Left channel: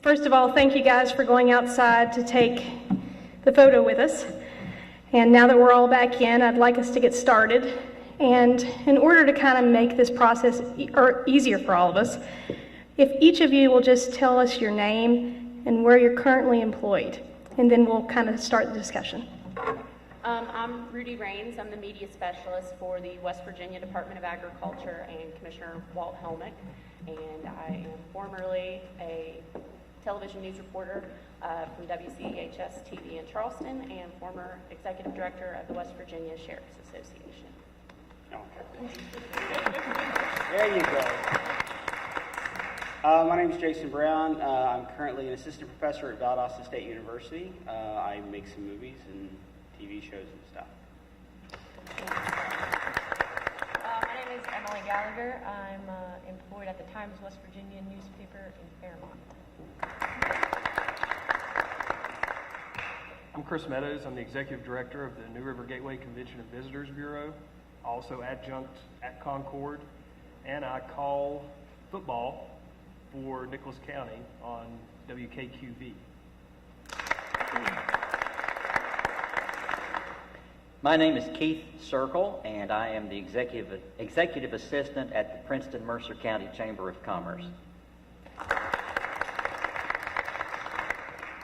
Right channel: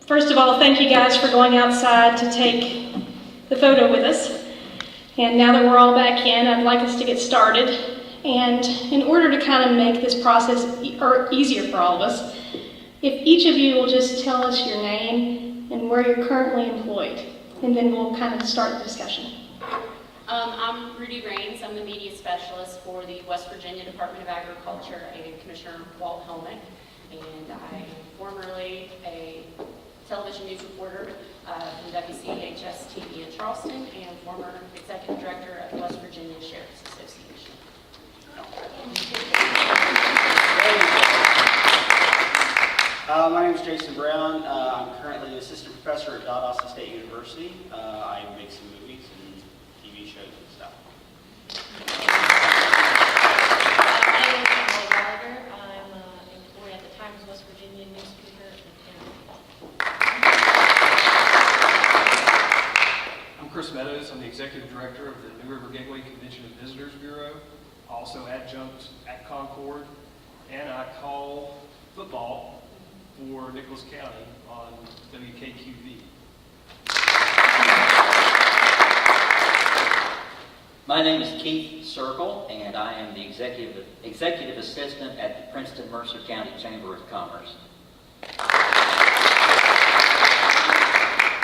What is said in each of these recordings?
First of all, thank you guys for going outside to take the photo with us. And now that we're all back in, I'd like us to get started. And in order to kind of make this process easier for all of us, if each of you will just tell us your name and where you're currently employed, and then we'll kind of start the discussion. I'm Rudy Raines. I'm the media specialist for the West Virginia Department of Agriculture and Commissioner Walt Holman. And I'm formerly a television news reporter from WCHS TV in Charleston and former executive director of the West Virginia Sheriff's Association. My name is Jason Brown. I'm currently an assistant professor at Austin State University. I make some movies and TV shows and stuff. My name is Emma Wilder. I'm employed at the Times West Virginia newspaper in town. I'm Chris Meadows. I'm the executive director of the New River Gateway Convention and Visitors Bureau, also adjunct at Concord, and I call football for Nicholas County on WKQB. My name is Keith Circle, and I am the executive assistant at the Princeton Mercer County Chamber of Commerce.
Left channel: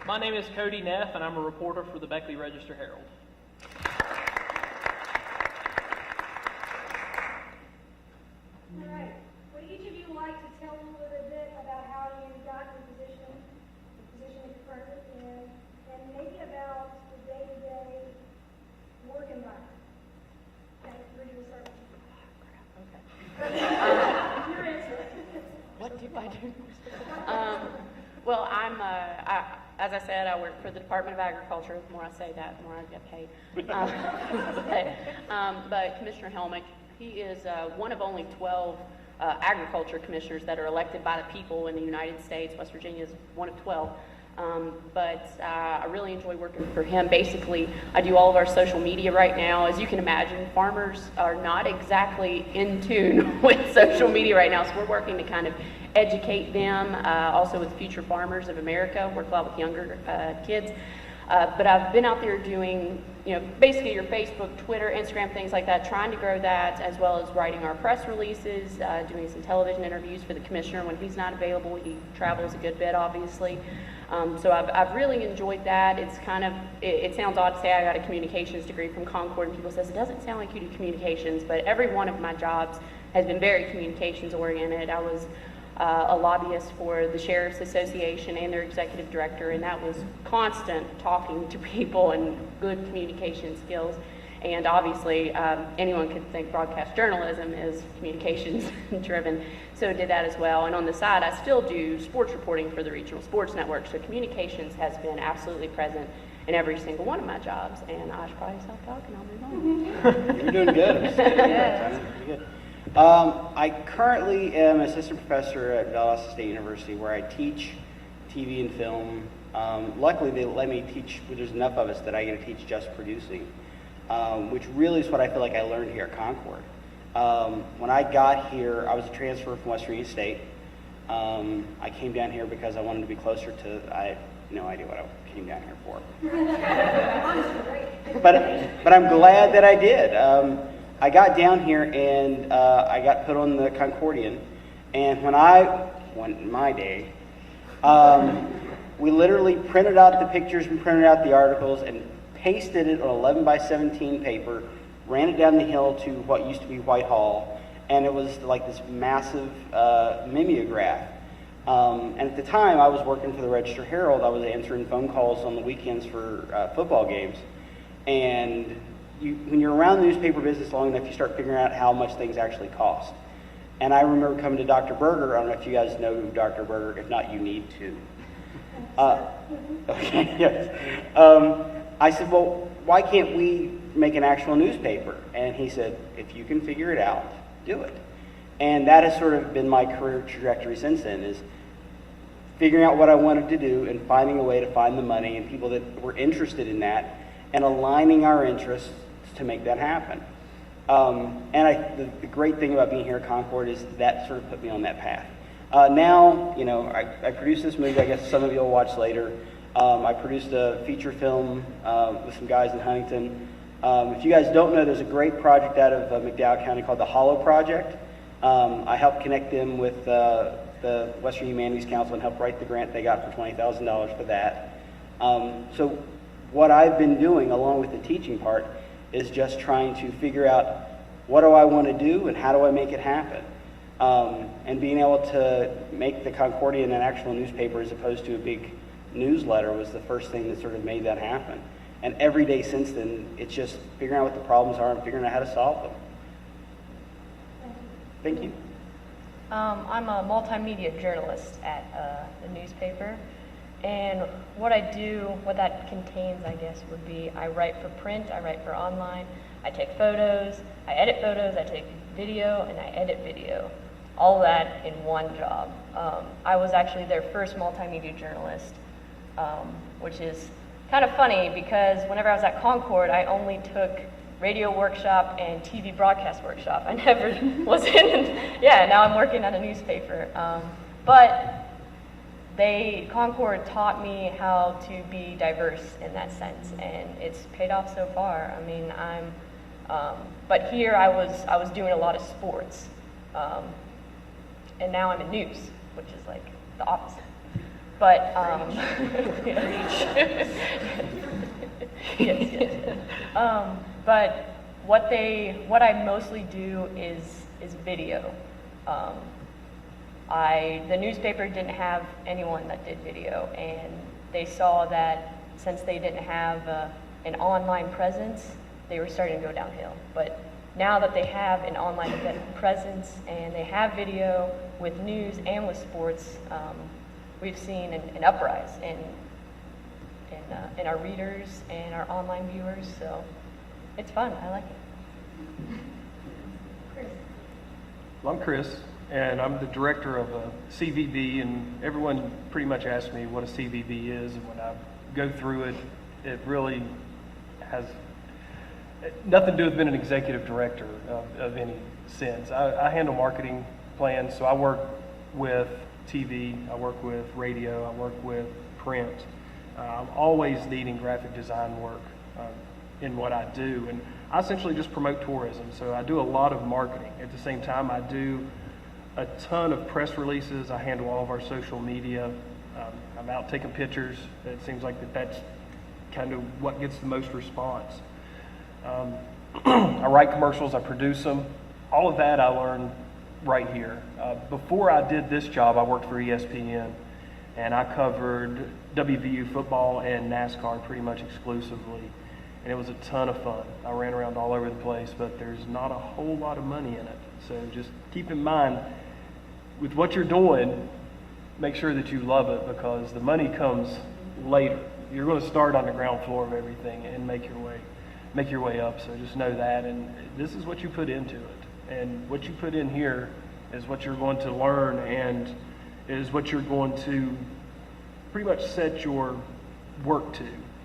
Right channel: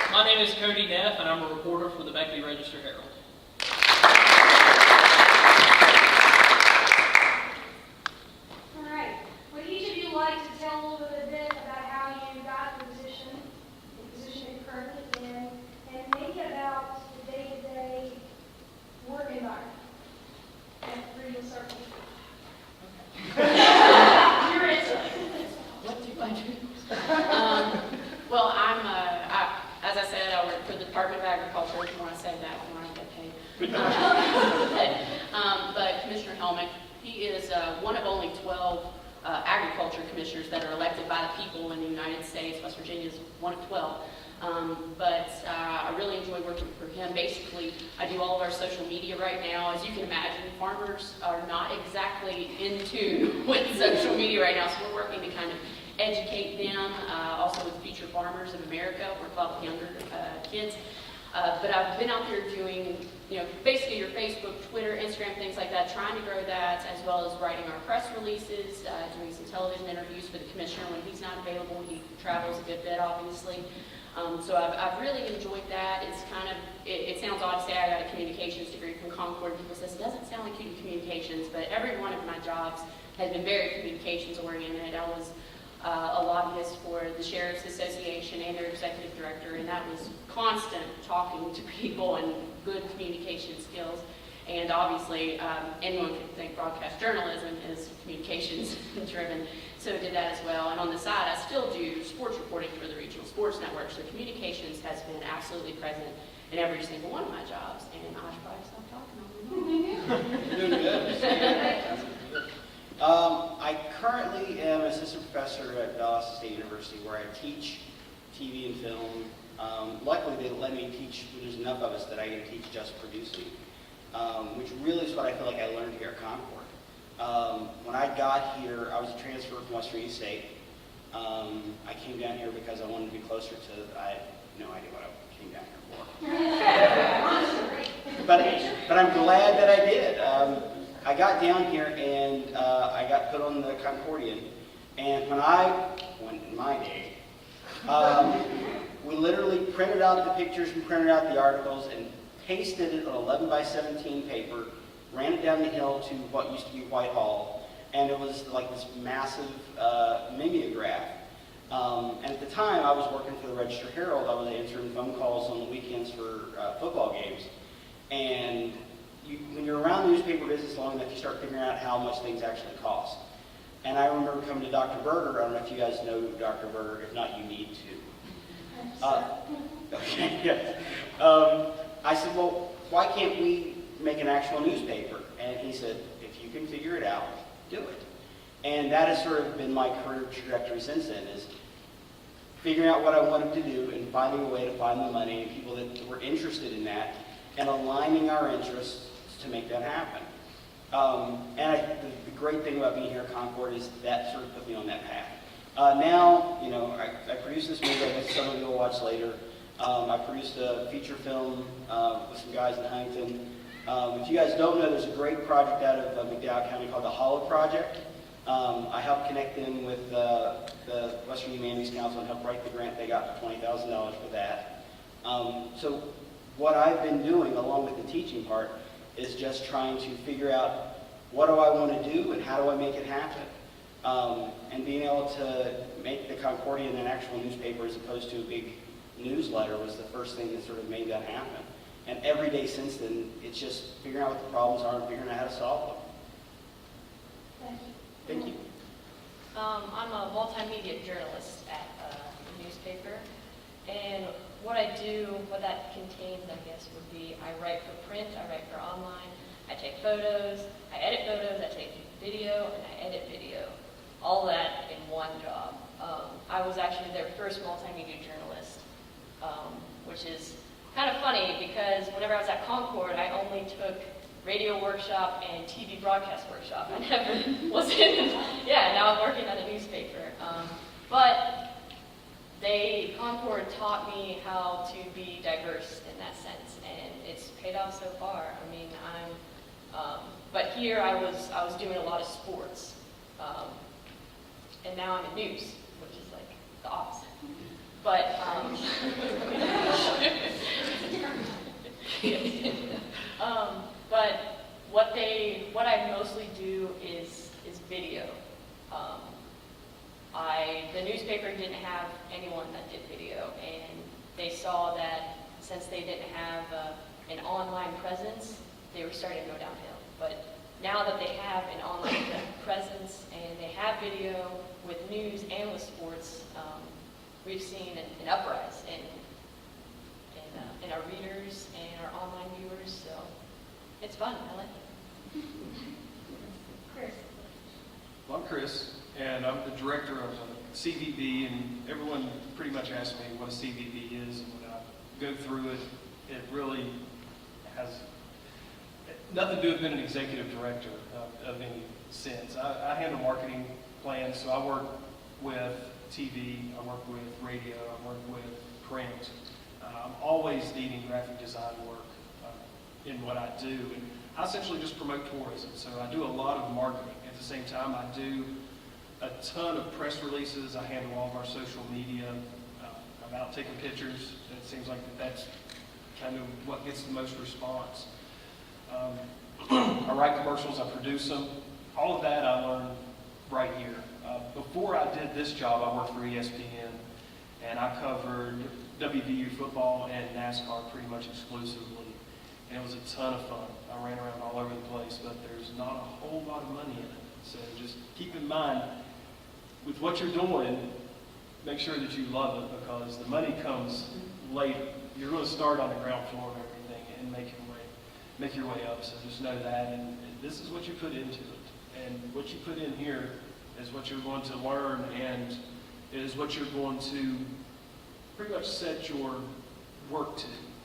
My name is Cody Neff, and I'm a reporter for the Beckley Register Herald. All right. Would each of you like to tell a little bit about how you got the position you're currently in, and maybe about the day-to-day work environment? And Rudy will start with you. Your answer. What do I do? Well, as I said, I work for the Department of Agriculture. If you want to say that, I'm not getting paid. But Commissioner Helmick, he is one of only 12 agriculture commissioners that are elected by the people in the United States. West Virginia is one of 12. But I really enjoy working for him. Basically, I do all of our social media right now. As you can imagine, farmers are not exactly in tune with social media right now, so we're working to kind of educate them, also with Future Farmers of America, work a lot with younger kids. But I've been out there doing, basically your Facebook, Twitter, Instagram, things like that, trying to grow that, as well as writing our press releases, doing some television interviews for the commissioner when he's not available. He travels a good bit, obviously. So I've really enjoyed that. It's kind of, it sounds odd to say I got a communications degree from Concord. People say, it doesn't sound like you do communications, but every one of my jobs has been very communications oriented. I was a lobbyist for the Sheriff's Association and their executive director, and that was constant talking to people and good communication skills. And obviously, anyone could think broadcast journalism is communications driven, so I did that as well. And on the side, I still do sports reporting for the regional sports network, so communications has been absolutely present in every single one of my jobs. And I probably stop talking, I'll move on. You're doing good. I currently am assistant professor at Austin State University, where I teach TV and film. Luckily, they let me teach. There's enough of us that I get to teach just producing, which really is what I feel like I learned here at Concord. When I got here, I was a transfer from West Virginia State. I came down here because I wanted to be closer to. I had no idea what I came down here for. But I'm glad that I did. I got down here and I got put on the Concordian, and when in my day, we literally printed out the pictures and printed out the articles and pasted it on 11 by 17 paper, ran it down the hill to what used to be Whitehall, and it was like this massive mimeograph. And at the time, I was working for the Register Herald. I was answering phone calls on the weekends for football games, and when you're around the newspaper business long enough, you start figuring out how much things actually cost. And I remember coming to Dr. Berger. I don't know if you guys know Dr. Berger. If not, you need to. Okay, yes. I said, well, why can't we make an actual newspaper? And he said, if you can figure it out, do it. And that has sort of been my career trajectory since then, is figuring out what I wanted to do and finding a way to find the money and people that were interested in that and aligning our interests to make that happen. And the great thing about being here at Concord is that sort of put me on that path. Now, you know, I produced this movie, I guess some of you will watch later. I produced a feature film with some guys in Huntington. If you guys don't know, there's a great project out of McDowell County called the Hollow Project. I helped connect them with the Western Humanities Council and helped write the grant they got for $20,000 for that. So what I've been doing along with the teaching part is just trying to figure out what do I want to do and how do I make it happen. And being able to make the Concordian an actual newspaper as opposed to a big newsletter was the first thing that sort of made that happen. And every day since then, it's just figuring out what the problems are and figuring out how to solve them. Thank you. I'm a multimedia journalist at the newspaper, and what I do, what that contains, I guess, would be I write for print, I write for online, I take photos, I edit photos, I take video, and I edit video. All that in one job. I was actually their first multimedia journalist, which is kind of funny because whenever I was at Concord, I only took radio workshop and TV broadcast workshop. I never was in, now I'm working on a newspaper. But Concord taught me how to be diverse in that sense, and it's paid off so far. I mean, but here I was doing a lot of sports, and now I'm in news, which is like the opposite. But but what I mostly do is video. The newspaper didn't have anyone that did video, and they saw that since they didn't have an online presence, they were starting to go downhill. But now that they have an online presence and they have video with news and with sports, we've seen an uprise in our readers and our online viewers, so it's fun. I like it. Chris. Well, I'm Chris, and I'm the director of CVB, and everyone pretty much asks me what a CVB is, and when I go through it, it really has nothing to do with being an executive director of any sense. I handle marketing plans, so I work with TV, I work with radio, I work with print. I'm always needing graphic design work in what I do, and I essentially just promote tourism, so I do a lot of marketing. At the same time, I do a ton of press releases. I handle all of our social media. I'm out taking pictures. It seems like that's kind of what gets the most response. I write commercials, I produce them. All of that I learned right here. Before I did this job, I worked for ESPN, and I covered WVU football and NASCAR pretty much exclusively, and it was a ton of fun. I ran around all over the place, but there's not a whole lot of money in it. So just keep in mind, with what you're doing, make sure that you love it, because the money comes later. You're going to start on the ground floor of everything and make your way up. So just know that, and this is what you put into it, and what you put in here is what you're going to learn, and it is what you're going to pretty much set your work to.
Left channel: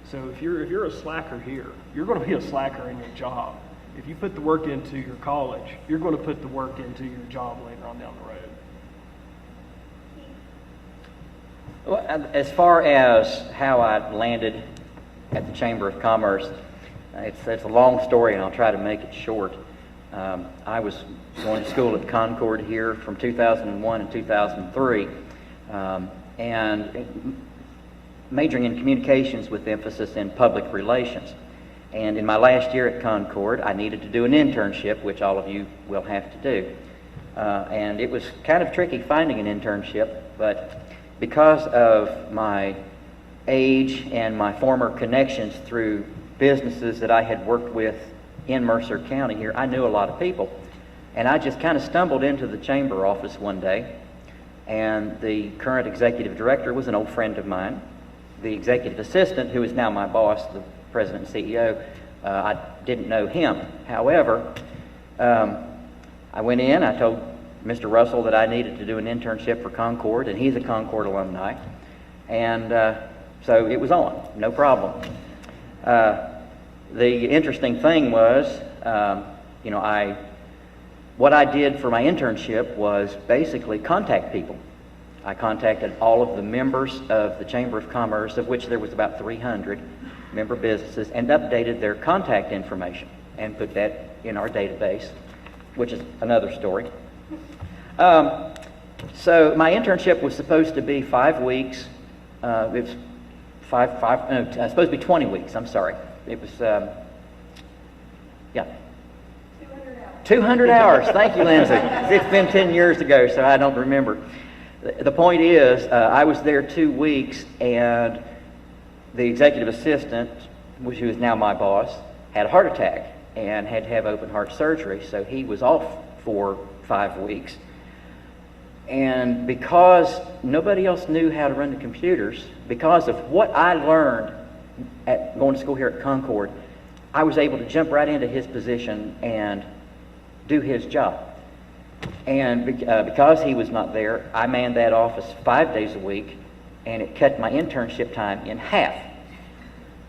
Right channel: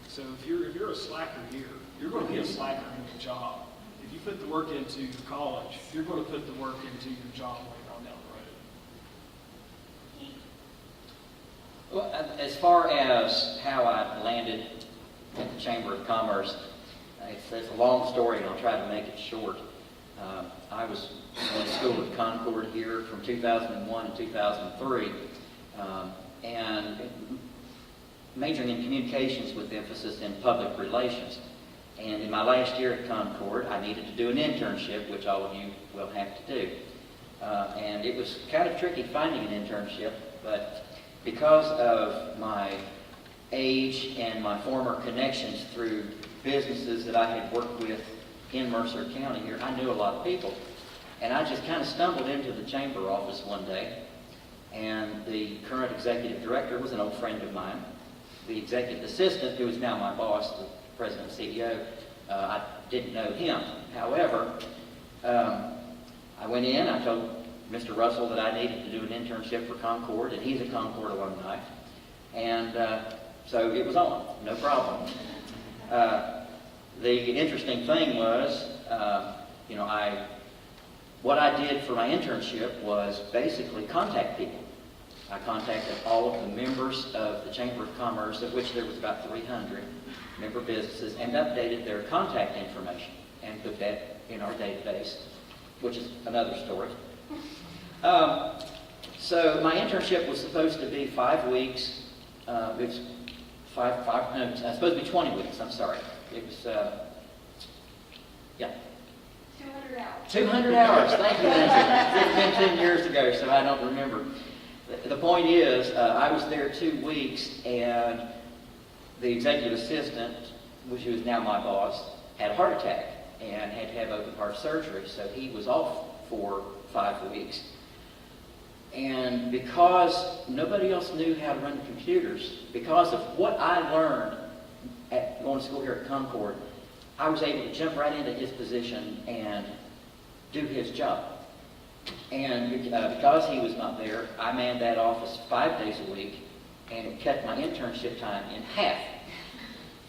So if you're a slacker here, you're going to be a slacker in your job. If you put the work into your college, you're going to put the work into your job later on down the road. Well, as far as how I landed at the Chamber of Commerce, it's a long story, and I'll try to make it short. I was going to school at Concord here from 2001 to 2003, and majoring in communications with emphasis in public relations. And in my last year at Concord, I needed to do an internship, which all of you will have to do. And it was kind of tricky finding an internship, but because of my age and my former connections through businesses that I had worked with in Mercer County here, I knew a lot of people. And I just kind of stumbled into the chamber office one day, and the current executive director was an old friend of mine. The executive assistant, who is now my boss, the president and CEO, I didn't know him. However, I went in, I told Mr. Russell that I needed to do an internship for Concord, and he's a Concord alumni. And so it was on, no problem. The interesting thing was, what I did for my internship was basically contact people. I contacted all of the members of the Chamber of Commerce, of which there was about 300 member businesses, and updated their contact information and put that in our database, which is another story. So my internship was supposed to be 5 weeks. It was supposed to be 20 weeks, I'm sorry. It was, 200 hours. 200 hours. Thank you, Lindsay. It's been 10 years ago, so I don't remember. The point is, I was there 2 weeks, and the executive assistant, who is now my boss, had a heart attack and had to have open heart surgery, so he was off for 5 weeks. And because nobody else knew how to run the computers, because of what I learned at going to school here at Concord, I was able to jump right into his position and do his job. And because he was not there, I manned that office 5 days a week, and it cut my internship time in half,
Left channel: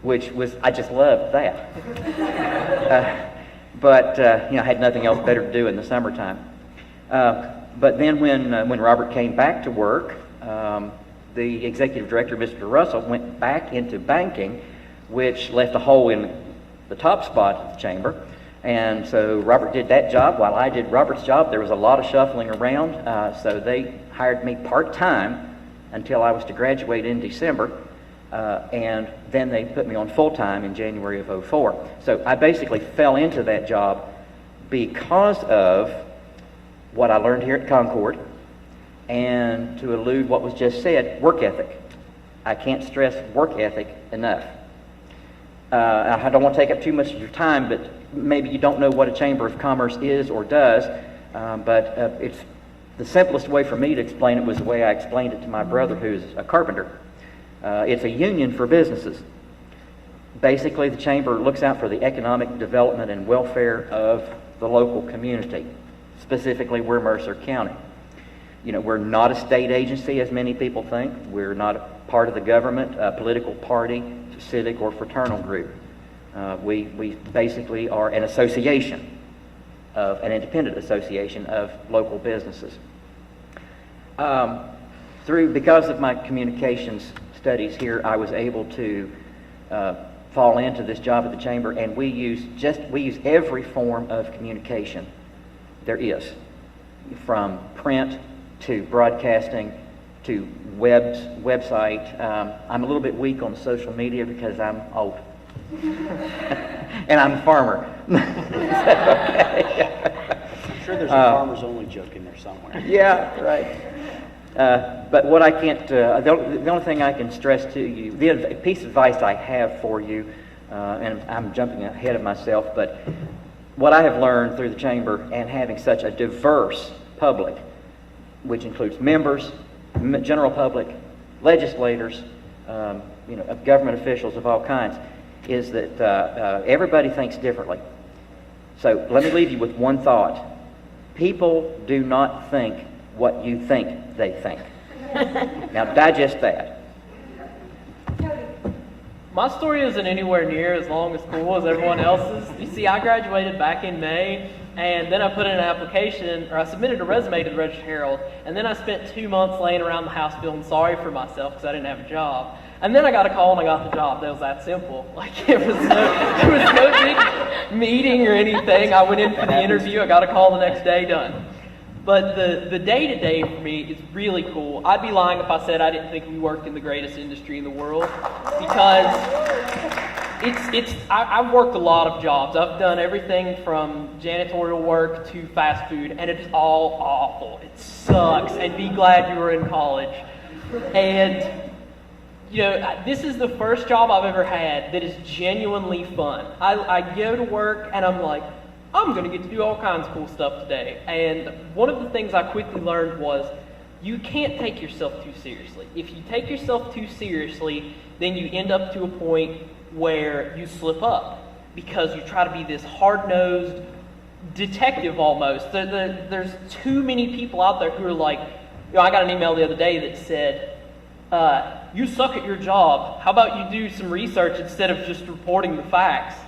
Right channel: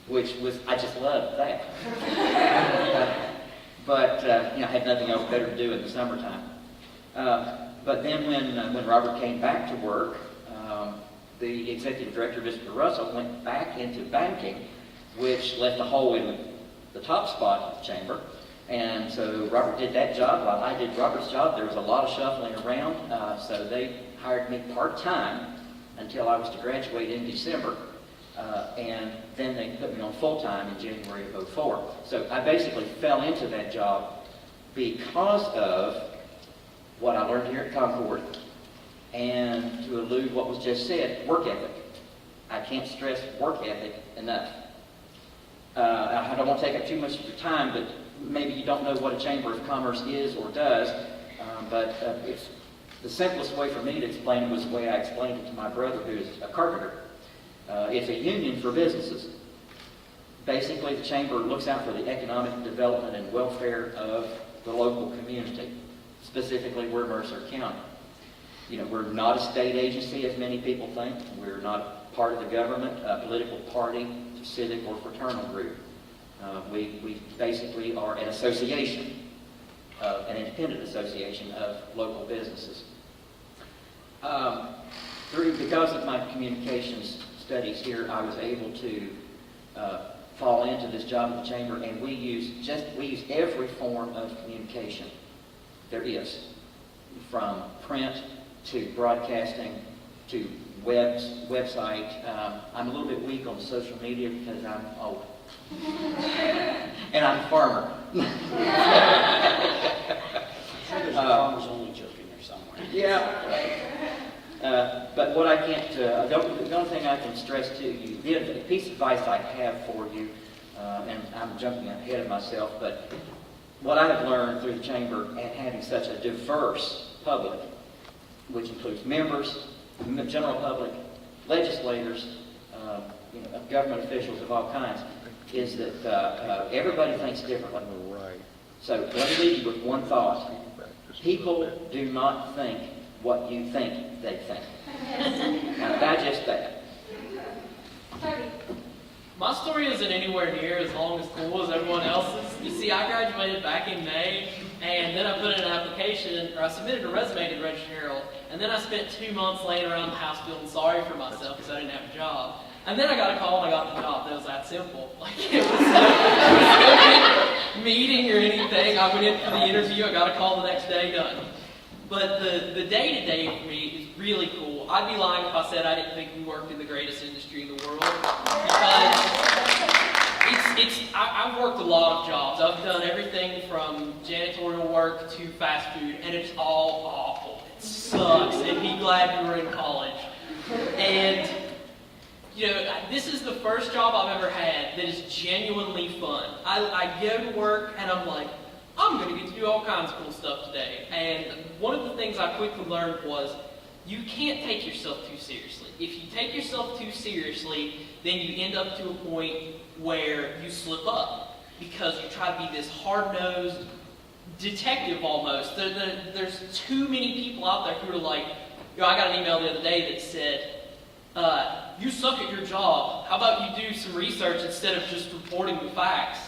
which was, I just loved that. But I had nothing else better to do in the summertime. But then when Robert came back to work, the executive director, Mr. Russell, went back into banking, which left a hole in the top spot of the chamber. And so Robert did that job while I did Robert's job. There was a lot of shuffling around, so they hired me part-time until I was to graduate in December, and then they put me on full-time in January of '04. So I basically fell into that job because of what I learned here at Concord, and to elude what was just said, work ethic. I can't stress work ethic enough. I don't want to take up too much of your time, but maybe you don't know what a Chamber of Commerce is or does, but it's the simplest way for me to explain it was the way I explained it to my brother, who's a carpenter. It's a union for businesses. Basically, the Chamber looks out for the economic development and welfare of the local community. Specifically, we're Mercer County. We're not a state agency, as many people think. We're not a part of the government, a political party, civic, or fraternal group. We basically are an association, an independent association of local businesses. Because of my communications studies here, I was able to fall into this job at the Chamber, and we use every form of communication there is, from print to broadcasting to website. I'm a little bit weak on social media because I'm old. And I'm a farmer. Sure, there's a farmer's only joke in there somewhere. Yeah, right. But what I can't, the only thing I can stress to you, the piece of advice I have for you, and I'm jumping ahead of myself, but what I have learned through the Chamber and having such a diverse public, which includes members, general public, legislators, of government officials of all kinds, is that everybody thinks differently. So let me leave you with one thought. People do not think what you think they think. Now digest that. My story isn't anywhere near as long as cool as everyone else's. You see, I graduated back in May, and then I put in an application, or I submitted a resume to the Register Herald, and then I spent 2 months laying around the house feeling sorry for myself because I didn't have a job. And then I got a call and I got the job. That was that simple. It was no meeting or anything. I went in for the interview. I got a call the next day, done. But the day-to-day for me is really cool. I'd be lying if I said I didn't think we worked in the greatest industry in the world. Because I've worked a lot of jobs. I've done everything from janitorial work to fast food, and it's all awful. It sucks. And be glad you were in college. And this is the first job I've ever had that is genuinely fun. I go to work and I'm like, I'm going to get to do all kinds of cool stuff today. And one of the things I quickly learned was you can't take yourself too seriously. If you take yourself too seriously, then you end up to a point where you slip up because you try to be this hard-nosed detective almost. There's too many people out there who are like, I got an email the other day that said, you suck at your job. How about you do some research instead of just reporting the facts?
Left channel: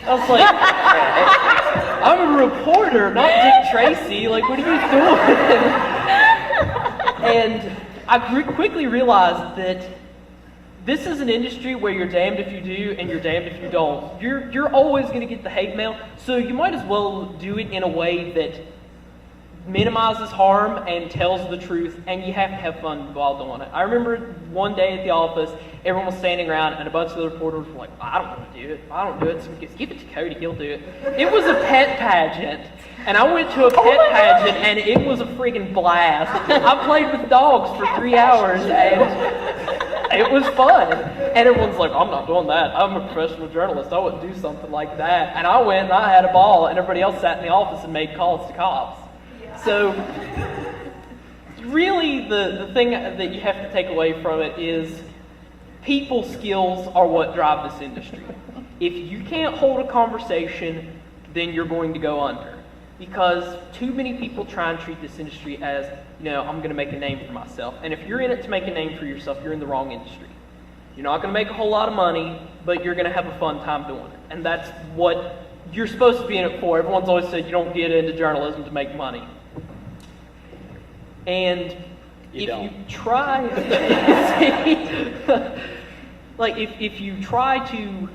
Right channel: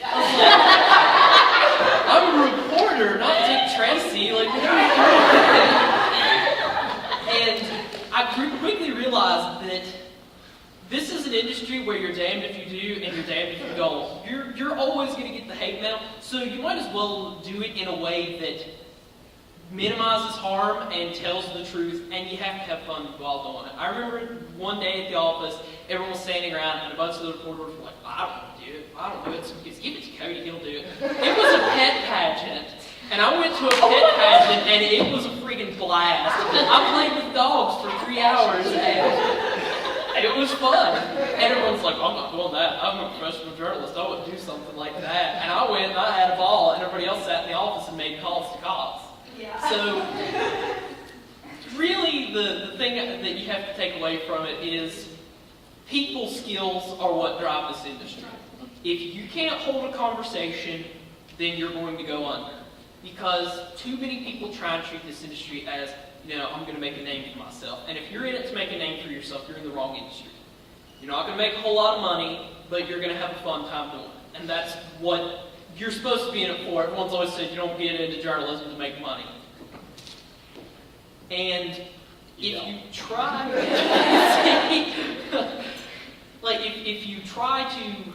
I was like, I'm a reporter, not Dick Tracy. Like, what are you doing? And I quickly realized that this is an industry where you're damned if you do and you're damned if you don't. You're always going to get the hate mail, so you might as well do it in a way that minimizes harm and tells the truth, and you have to have fun while doing it. I remember one day at the office, everyone was standing around, and a bunch of the reporters were like, I don't want to do it. I don't do it. So give it to Cody, he'll do it. It was a pet pageant. And I went to a pet pageant, and it was a freaking blast. I played with dogs for 3 hours, and it was fun. And everyone's like, I'm not doing that. I'm a professional journalist. I wouldn't do something like that. And I went, and I had a ball, and everybody else sat in the office and made calls to cops. So, really, the thing that you have to take away from it is people skills are what drive this industry. If you can't hold a conversation, then you're going to go under. Because too many people try and treat this industry as, I'm going to make a name for myself. And if you're in it to make a name for yourself, you're in the wrong industry. You're not going to make a whole lot of money, but you're going to have a fun time doing it. And that's what you're supposed to be in it for. Everyone's always said you don't get into journalism to make money. And if you try, if you try to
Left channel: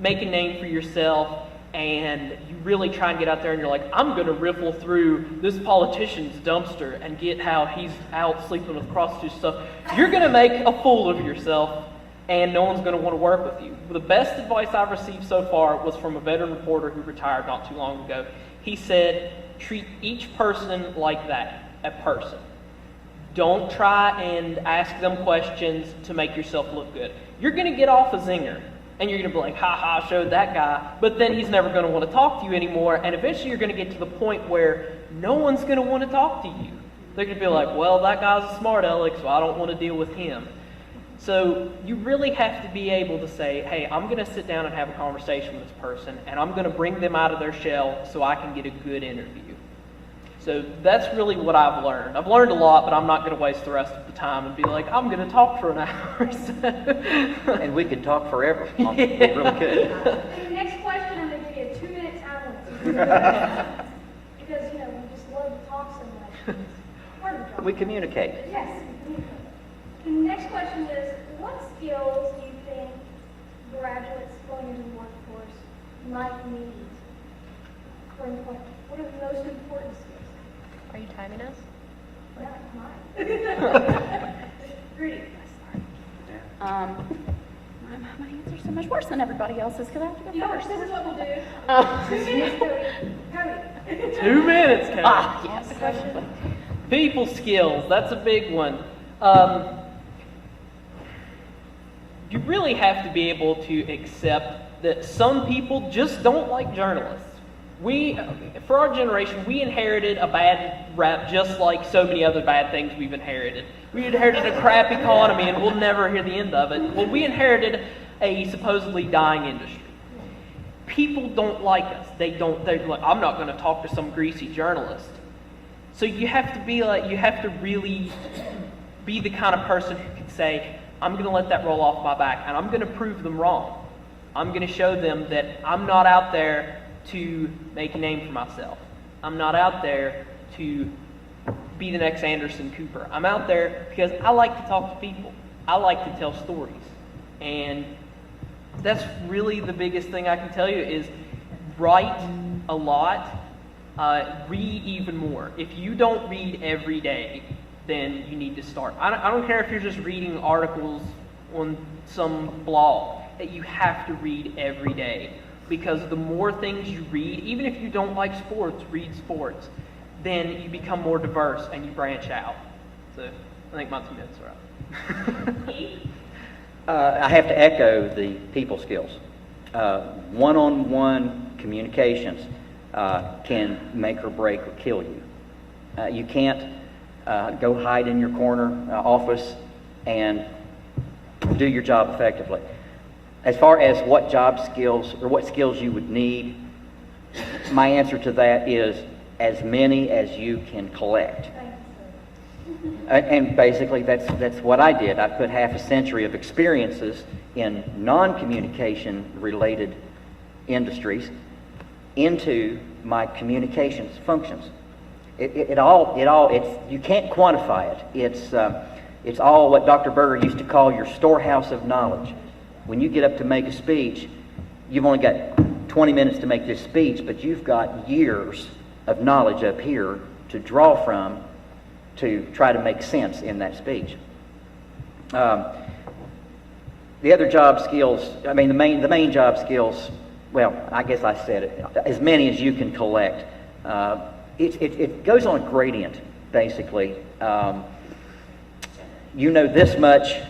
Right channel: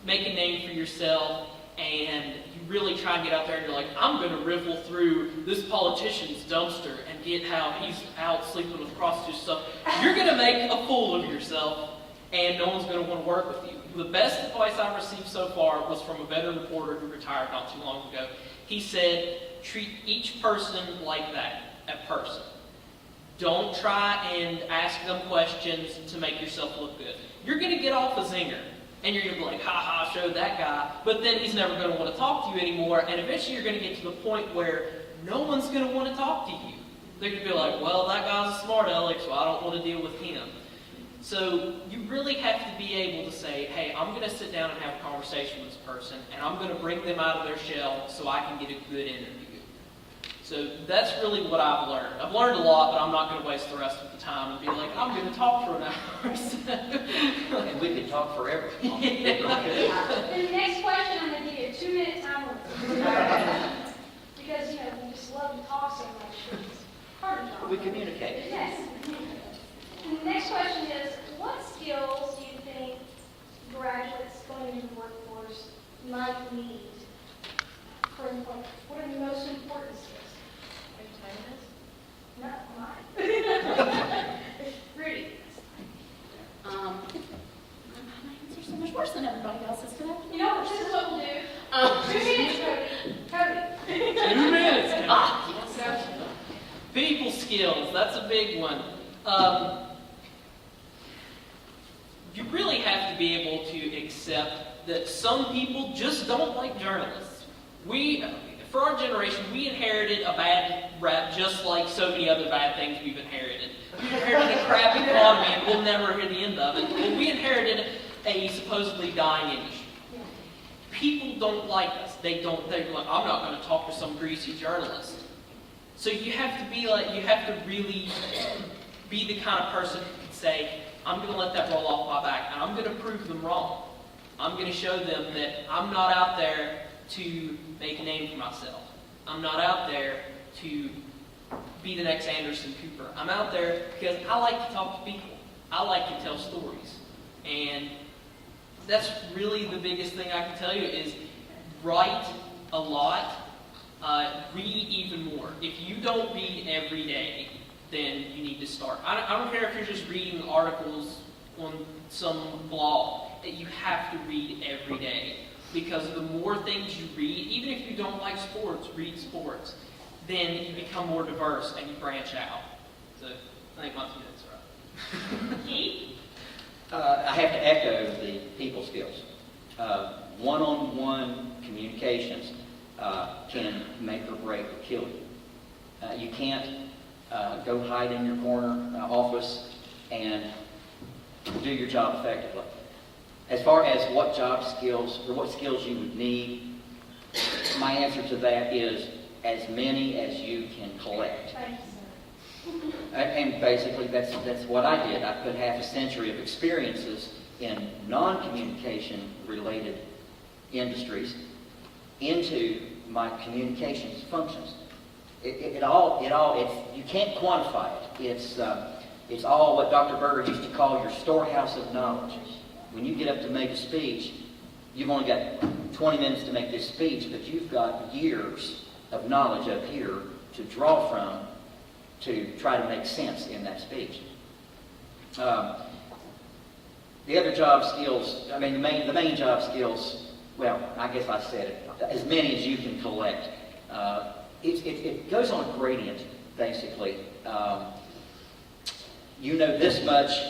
make a name for yourself and you really try and get out there and you're like, I'm going to riffle through this politician's dumpster and get how he's out sleeping with prostitutes and stuff, you're going to make a fool of yourself and no one's going to want to work with you. The best advice I've received so far was from a veteran reporter who retired not too long ago. He said, treat each person like that, a person. Don't try and ask them questions to make yourself look good. You're going to get off a zinger, and you're going to be like, ha, I showed that guy, but then he's never going to want to talk to you anymore, and eventually you're going to get to the point where no one's going to want to talk to you. They're going to be like, well, that guy's a smart aleck, so I don't want to deal with him. So you really have to be able to say, hey, I'm going to sit down and have a conversation with this person, and I'm going to bring them out of their shell so I can get a good interview. So that's really what I've learned. I've learned a lot, but I'm not going to waste the rest of the time and be like, I'm going to talk for an hour. And we could talk forever. Yeah. We really could. The next question, I'm going to give you a 2-minute time limit. Because, we just love to talk so much. It's hard to talk. We communicate. Yes. The next question is, what skills do you think graduates going into the workforce might need for employment? What are the most important skills? Are you timing us? Not mine. Rudy. My answers are so much worse than everybody else's because I have to You know, first. this is what we'll do. 2 minutes, Cody. 2 minutes. Yes. People skills, that's a big one. You really have to be able to accept that some people just don't like journalists. For our generation, we inherited a bad rap just like so many other bad things we've inherited. We inherited a crap economy and we'll never hear the end of it. Well, we inherited a supposedly dying industry. People don't like us. They're like, I'm not going to talk to some greasy journalist. So you have to really be the kind of person who can say, I'm going to let that roll off my back and I'm going to prove them wrong. I'm going to show them that I'm not out there to make a name for myself. I'm not out there to be the next Anderson Cooper. I'm out there because I like to talk to people. I like to tell stories. And that's really the biggest thing I can tell you is write a lot, read even more. If you don't read every day, then you need to start. I don't care if you're just reading articles on some blog. You have to read every day. Because the more things you read, even if you don't like sports, read sports, then you become more diverse and you branch out. So I think my 2 minutes are up. I have to echo the people skills. One-on-one communications can make or break or kill you. You can't go hide in your corner office and do your job effectively. As far as what job skills or what skills you would need, my answer to that is as many as you can collect. And basically that's what I did. I put half a century of experiences in non-communication related industries into my communications functions. you can't quantify it. It's all what Dr. Berger used to call your storehouse of knowledge. When you get up to make a speech, you've only got 20 minutes to make this speech, but you've got years of knowledge up here to draw from to try to make sense in that speech. The other job skills, the main job skills, well, I guess I said it, as many as you can collect. It goes on a gradient, basically. You know this much,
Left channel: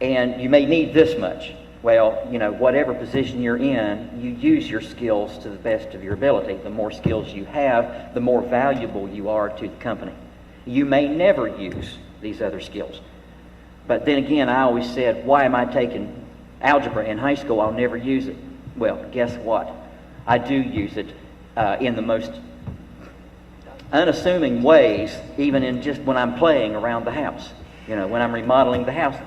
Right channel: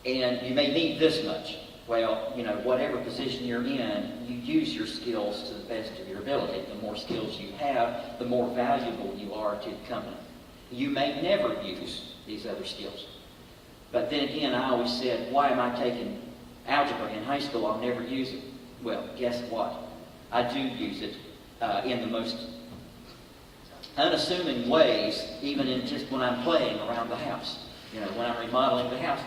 and you may need this much. Well, whatever position you're in, you use your skills to the best of your ability. The more skills you have, the more valuable you are to the company. You may never use these other skills. But then again, I always said, why am I taking algebra in high school? I'll never use it. Well, guess what? I do use it in the most unassuming ways, even in just when I'm playing around the house. When I'm remodeling the house,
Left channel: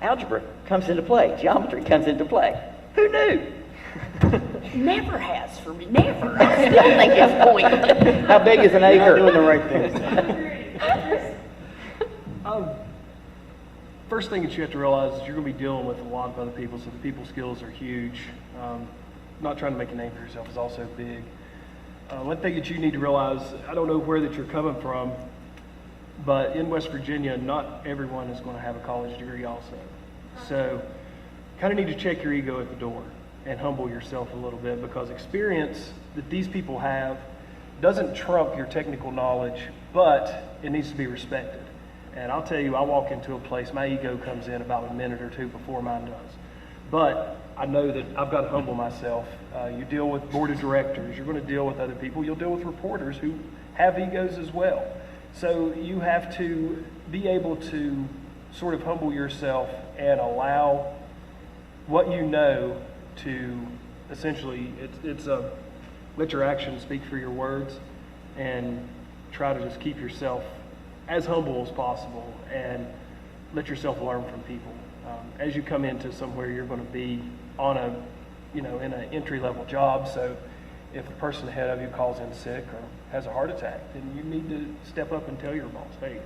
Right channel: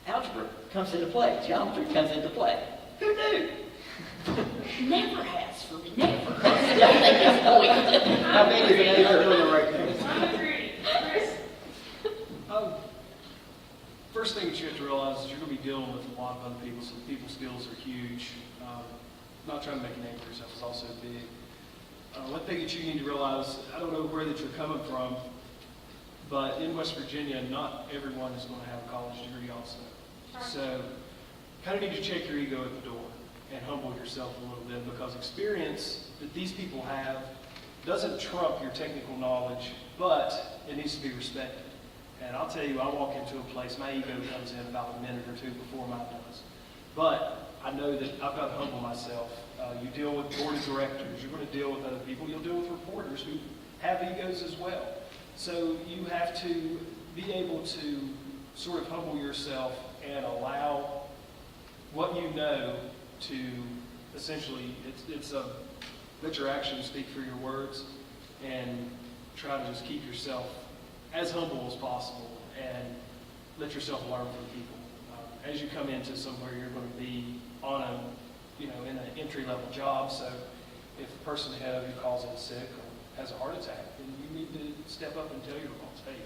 algebra comes into play. Geometry comes into play. Who knew? Never has for me. Never. That's the biggest point. How big is an acre? Doing the right thing. First thing you have to realize is you're going to be dealing with a lot of other people, so the people skills are huge. Not trying to make a name for yourself is also big. One thing that you need to realize, I don't know where that you're coming from, but in West Virginia, not everyone is going to have a college degree also. So kind of need to check your ego at the door and humble yourself a little bit, because experience that these people have doesn't trump your technical knowledge, but it needs to be respected. And I'll tell you, I walk into a place, my ego comes in about a minute or two before mine does. But I know that I've got to humble myself. You deal with board of directors, you're going to deal with other people, you'll deal with reporters who have egos as well. So you have to be able to sort of humble yourself and allow what you know to essentially, let your actions speak for your words, and try to just keep yourself as humble as possible and let yourself learn from people. As you come into somewhere, you're going to be on in an entry-level job, so if the person ahead of you calls in sick or has a heart attack, then you need to step up and tell your boss, hey,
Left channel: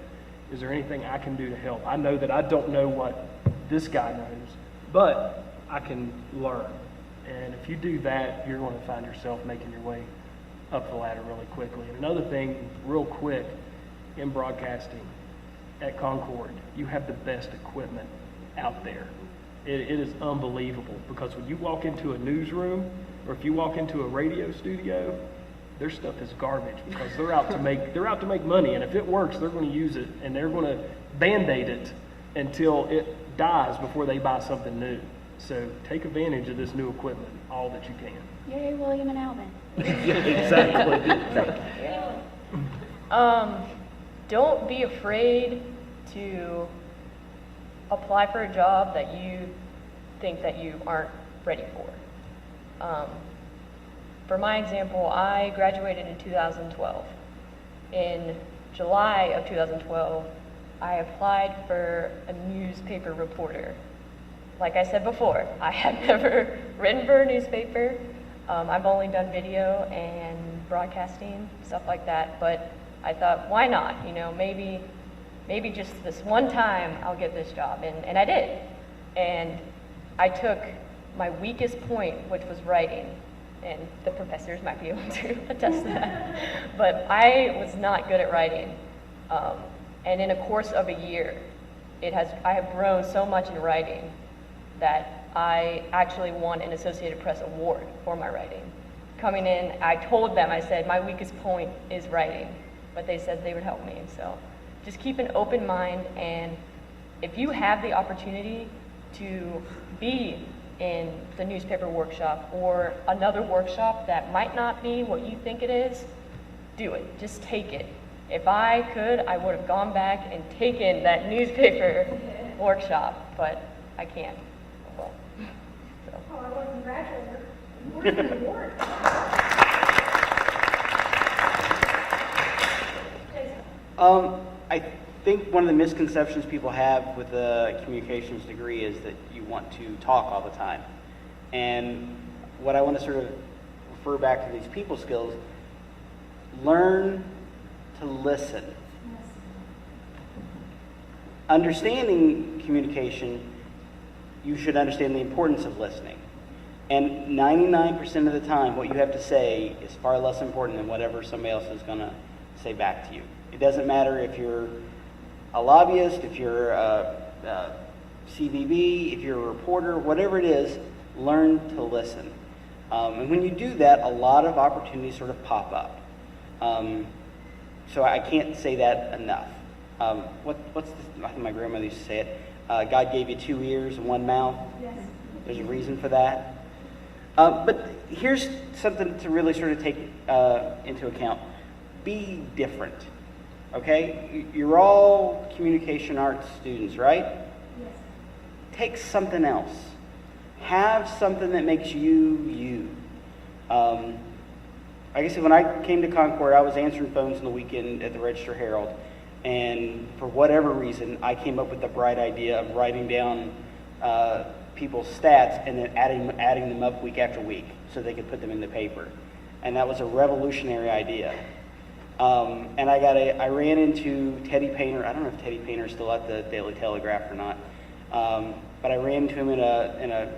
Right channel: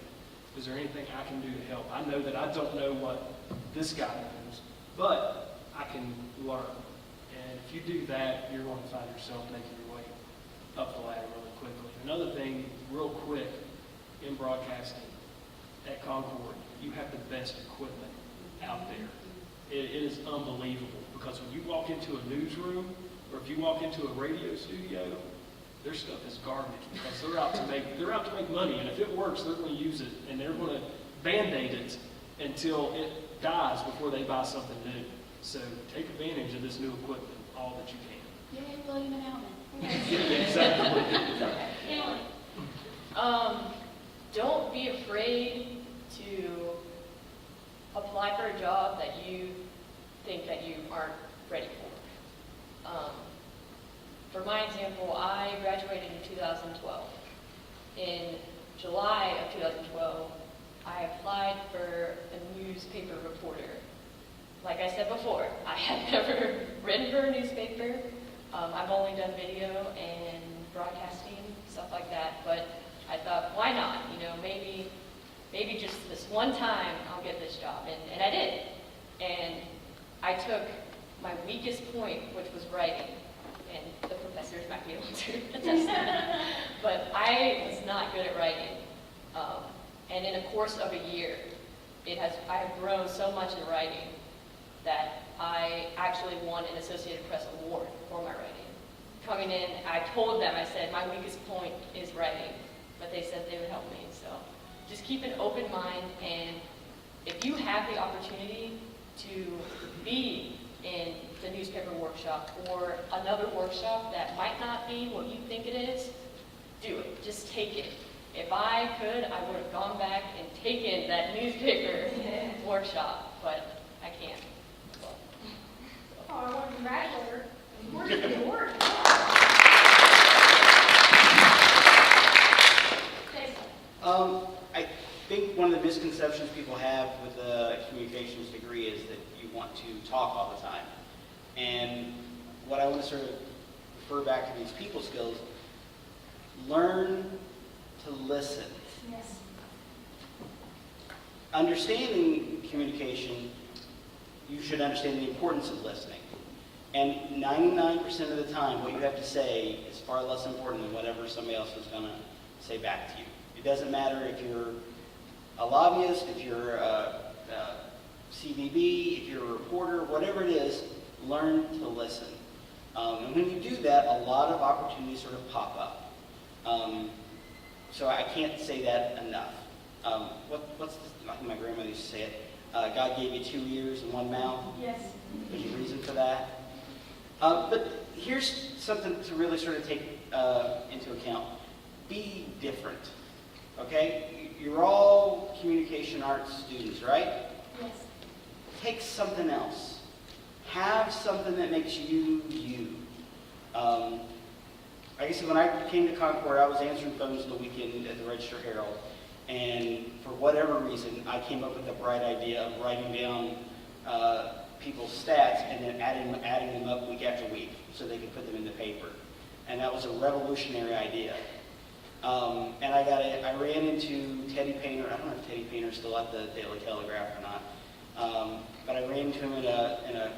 is there anything I can do to help? I know that I don't know what this guy knows, but I can learn. And if you do that, you're going to find yourself making your way up the ladder really quickly. Another thing, real quick, in broadcasting at Concord, you have the best equipment out there. It is unbelievable, because when you walk into a newsroom or if you walk into a radio studio, their stuff is garbage, because they're out to make money, and if it works, they're going to use it, and they're going to band-aid it until it dies before they buy something new. So take advantage of this new equipment all that you can. Yay, William and Alvin. Exactly. Don't be afraid to apply for a job that you think that you aren't ready for. For my example, I graduated in 2012. In July of 2012, I applied for a newspaper reporter. Like I said before, I had never written for a newspaper. I've only done video and broadcasting, stuff like that, but I thought, why not? Maybe just this one time I'll get this job, and I did. And I took my weakest point, which was writing, and the professors might be able to attest to that. But I was not good at writing. And in a course of a year, I have grown so much in writing that I actually won an Associated Press award for my writing. Coming in, I told them, I said, my weakest point is writing, but they said they would help me. So just keep an open mind, and if you have the opportunity to be in the newspaper workshop or another workshop that might not be what you think it is, do it. Just take it. If I could, I would have gone back and taken that newspaper workshop, but I can't. So. Oh, I want to congratulate her. What is the award? I think one of the misconceptions people have with a communications degree is that you want to talk all the time. And what I want to sort of refer back to these people skills, learn to listen. Yes. Understanding communication, you should understand the importance of listening. And 99% of the time, what you have to say is far less important than whatever somebody else is going to say back to you. It doesn't matter if you're a lobbyist, if you're a CVB, if you're a reporter, whatever it is, learn to listen. And when you do that, a lot of opportunities sort of pop up. So I can't say that enough. What's my grandmother used to say it? God gave you 2 ears and 1 mouth. Yes. There's a reason for that. But here's something to really sort of take into account. Be different. Okay? You're all communication arts students, right? Yes. Take something else. Have something that makes you you. Like I said, when I came to Concord, I was answering phones on the weekend at the Register Herald, and for whatever reason, I came up with the bright idea of writing down people's stats and then adding them up week after week so they could put them in the paper. And that was a revolutionary idea. And I ran into Teddy Painter. I don't know if Teddy Painter's still at the Daily Telegraph or not. But I ran into him in a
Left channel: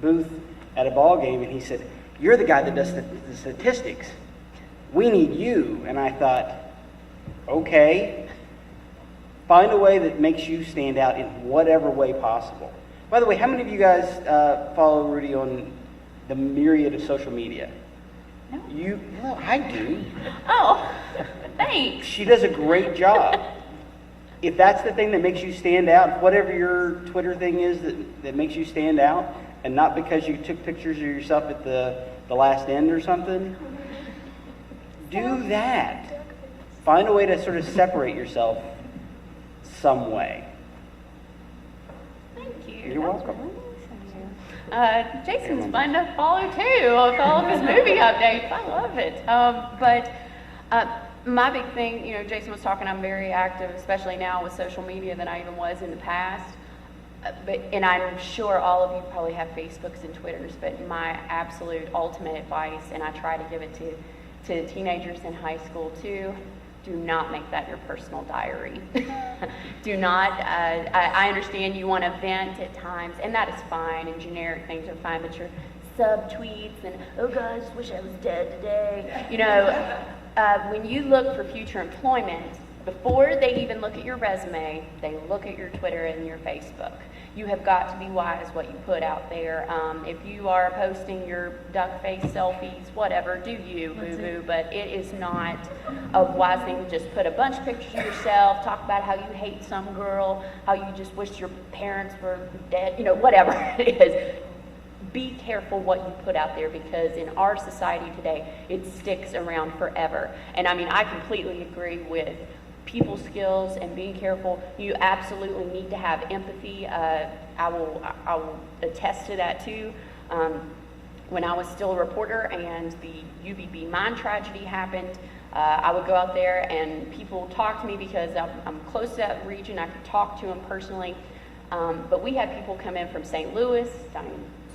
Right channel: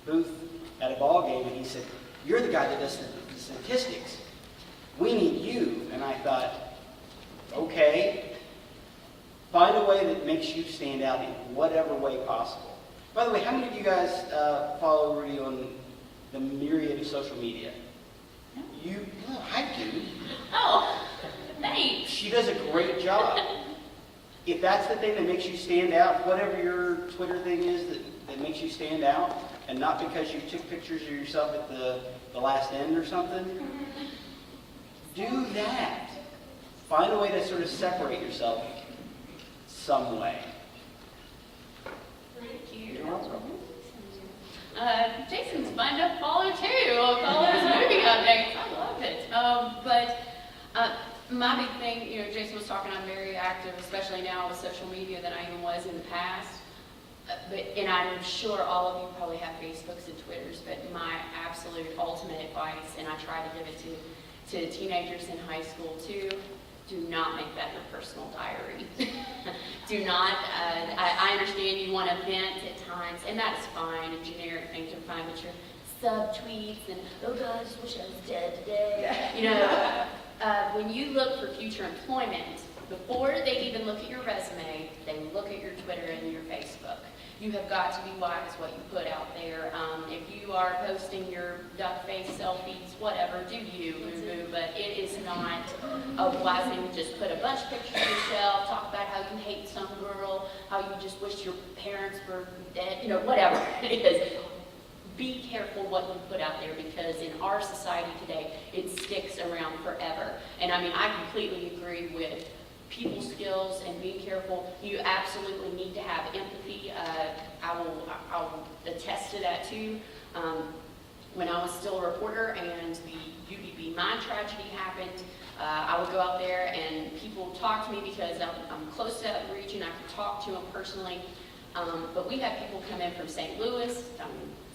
booth at a ball game, and he said, "You're the guy that does the statistics. We need you." And I thought, okay, find a way that makes you stand out in whatever way possible. By the way, how many of you guys follow Rudy on the myriad of social media? No. No, I do. Oh, thanks. She does a great job. If that's the thing that makes you stand out, whatever your Twitter thing is that makes you stand out, and not because you took pictures of yourself at the last end or something, do that. Find a way to sort of separate yourself some way. Thank you. You're welcome. Jason's fun to follow too. With all his movie updates, I love it. My big thing, Jason was talking, I'm very active, especially now with social media than I even was in the past. And I'm sure all of you probably have Facebooks and Twitters, but my absolute ultimate advice, and I try to give it to teenagers in high school too, do not make that your personal diary. Do not, I understand you want to vent at times, and that is fine, and generic things are fine, but your sub-tweets and, oh God, I just wish I was dead today. When you look for future employment, before they even look at your resume, they look at your Twitter and your Facebook. You have got to be wise what you put out there. If you are posting your duck face selfies, whatever, do you, boo-boo, but it is not a wise thing to just put a bunch of pictures of yourself, talk about how you hate some girl, how you just wish your parents were dead, whatever it is. Be careful what you put out there, because in our society today, it sticks around forever. And I completely agree with people skills and being careful. You absolutely need to have empathy. I will attest to that too. When I was still a reporter and the UBB mine tragedy happened, I would go out there and people talk to me because I'm close to that region. I could talk to them personally. But we had people come in from St. Louis,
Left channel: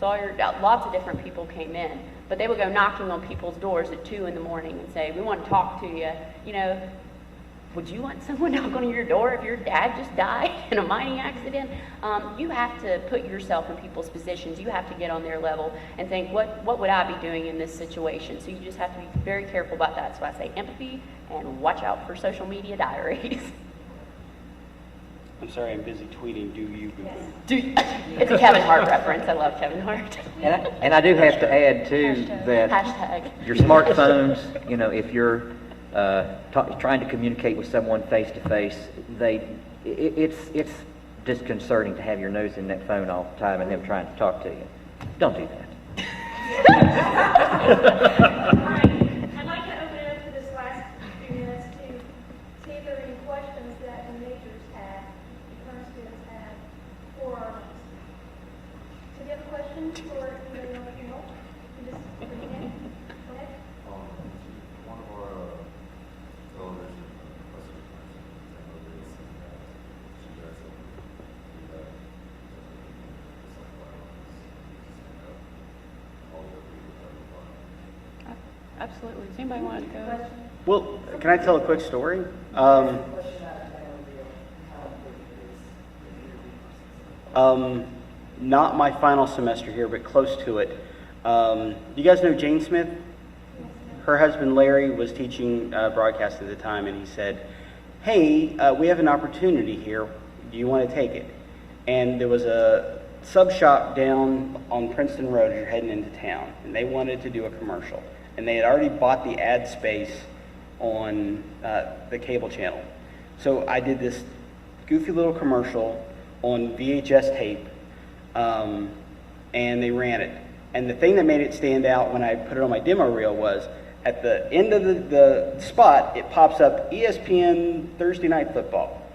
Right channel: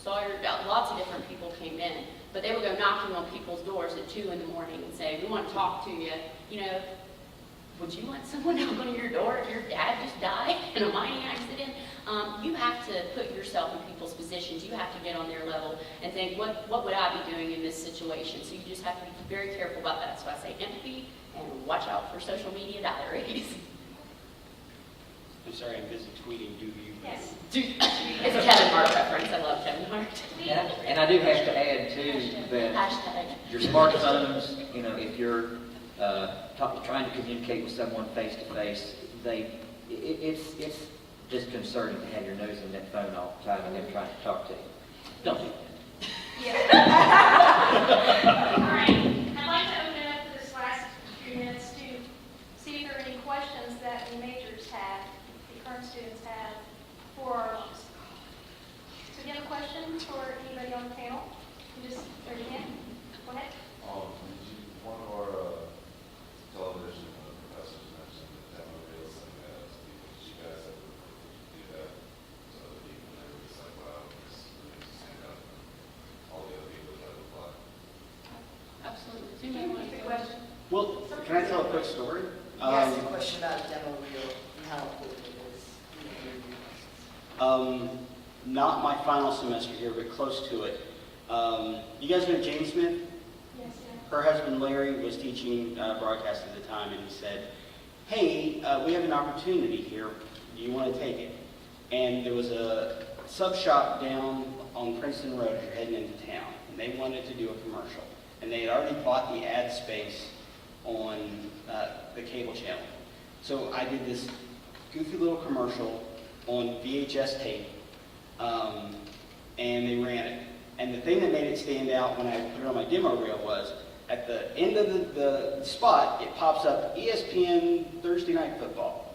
Sawyer, lots of different people came in. But they would go knocking on people's doors at 2 in the morning and say, we want to talk to you. Would you want someone knocking on your door if your dad just died in a mining accident? You have to put yourself in people's positions. You have to get on their level and think, what would I be doing in this situation? So you just have to be very careful about that. So I say empathy and watch out for social media diaries. I'm sorry, I'm busy tweeting. Do you? Yes. It's a Kevin Hart reference. I love Kevin Hart. And I do have to add too that Hashtag. your smartphones, if you're trying to communicate with someone face to face, it's disconcerting to have your nose in that phone all the time and them trying to talk to you. Don't do that. All right. I'd like to open it up for this last few minutes to see if there are any questions that the majors have, the current students have for our alums. So if you have a question for anybody on the panel, you just raise your hand. Go ahead. One of our television professors mentioned having a real seminar. You guys have do that so that you can have this like stand up all the other people that apply. Absolutely. Does anybody want to go? Question? Well, can I tell a quick story? Ask a question about demo reel and how important it is. Not my final semester here, but close to it. You guys know Jane Smith? Her husband Larry was teaching broadcast at the time, and he said, hey, we have an opportunity here. Do you want to take it? And there was a sub shop down on Princeton Road as you're heading into town, and they wanted to do a commercial. And they had already bought the ad space on the cable channel. So I did this goofy little commercial on VHS tape, and they ran it. And the thing that made it stand out when I put it on my demo reel was, at the end of the spot, it pops up ESPN Thursday Night Football.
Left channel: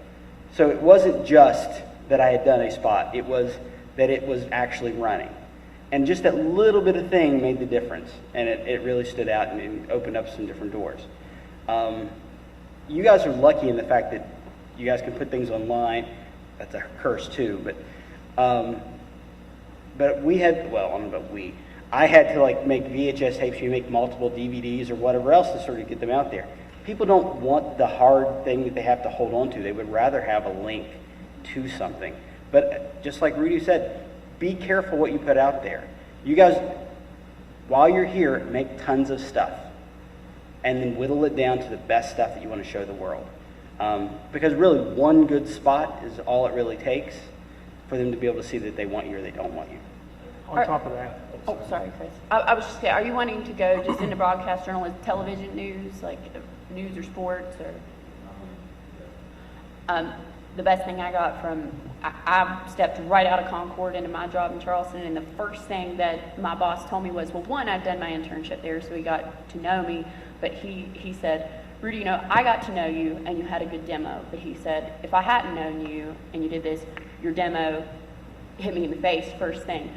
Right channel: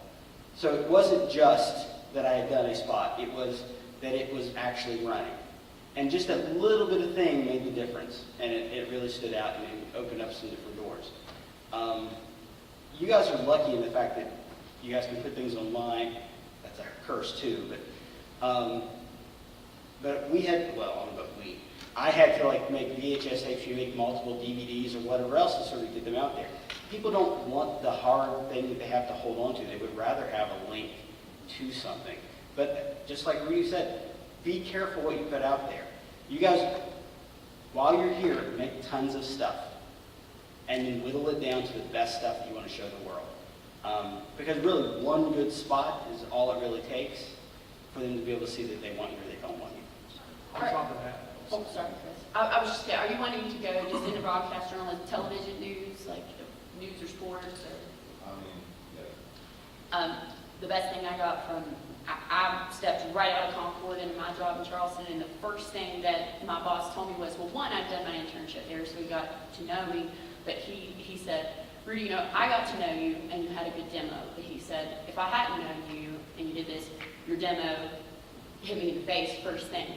So it wasn't just that I had done a spot, it was that it was actually running. And just that little bit of thing made the difference, and it really stood out and it opened up some different doors. You guys are lucky in the fact that you guys can put things online. That's a curse too, but we had, well, I don't know about we. I had to like make VHS tapes, you make multiple DVDs or whatever else to sort of get them out there. People don't want the hard thing that they have to hold on to. They would rather have a link to something. But just like Rudy said, be careful what you put out there. You guys, while you're here, make tons of stuff and then whittle it down to the best stuff that you want to show the world. Because really, one good spot is all it really takes for them to be able to see that they want you or they don't want you. On top of that, Oh, sorry, Chris. I was just saying, are you wanting to go just into broadcast journalism, television news, like news or sports, or? The best thing I got from, I stepped right out of Concord into my job in Charleston, and the first thing that my boss told me was, well, one, I'd done my internship there, so he got to know me, but he said, Rudy, you know, I got to know you, and you had a good demo, but he said, if I hadn't known you, and you did this, your demo hit me in the face first thing.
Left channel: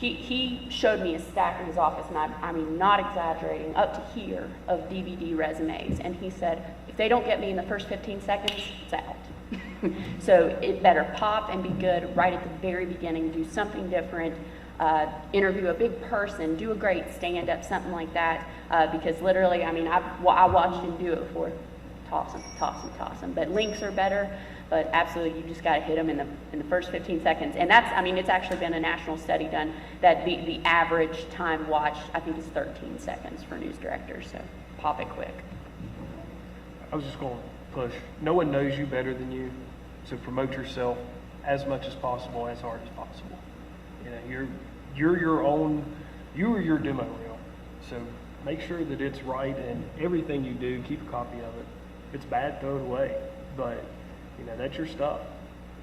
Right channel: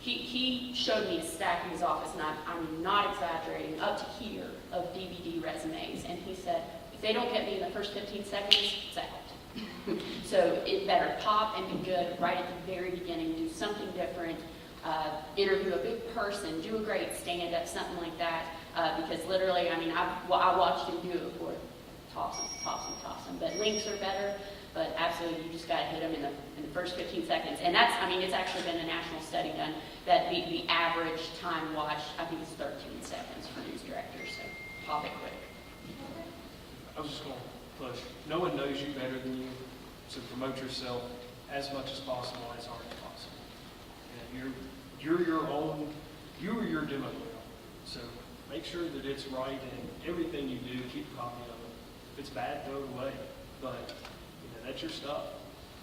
He showed me a stack in his office, and I'm not exaggerating, up to here, of DVD resumes. And he said, if they don't get me in the first 15 seconds, it's out. So it better pop and be good right at the very beginning, do something different, interview a big person, do a great stand-up, something like that. Because literally, I mean, I watched him do it before, toss them. But links are better. But absolutely, you just got to hit them in the first 15 seconds. And that's, I mean, it's actually been a national study done that the average time watched, I think, is 13 seconds for news directors. So pop it quick. I was just going to push. No one knows you better than you, so promote yourself as much as possible, as hard as possible. You know, you're your demo reel. So make sure that it's right, and everything you do, keep a copy of it. If it's bad, throw it away. But you know, that's your stuff,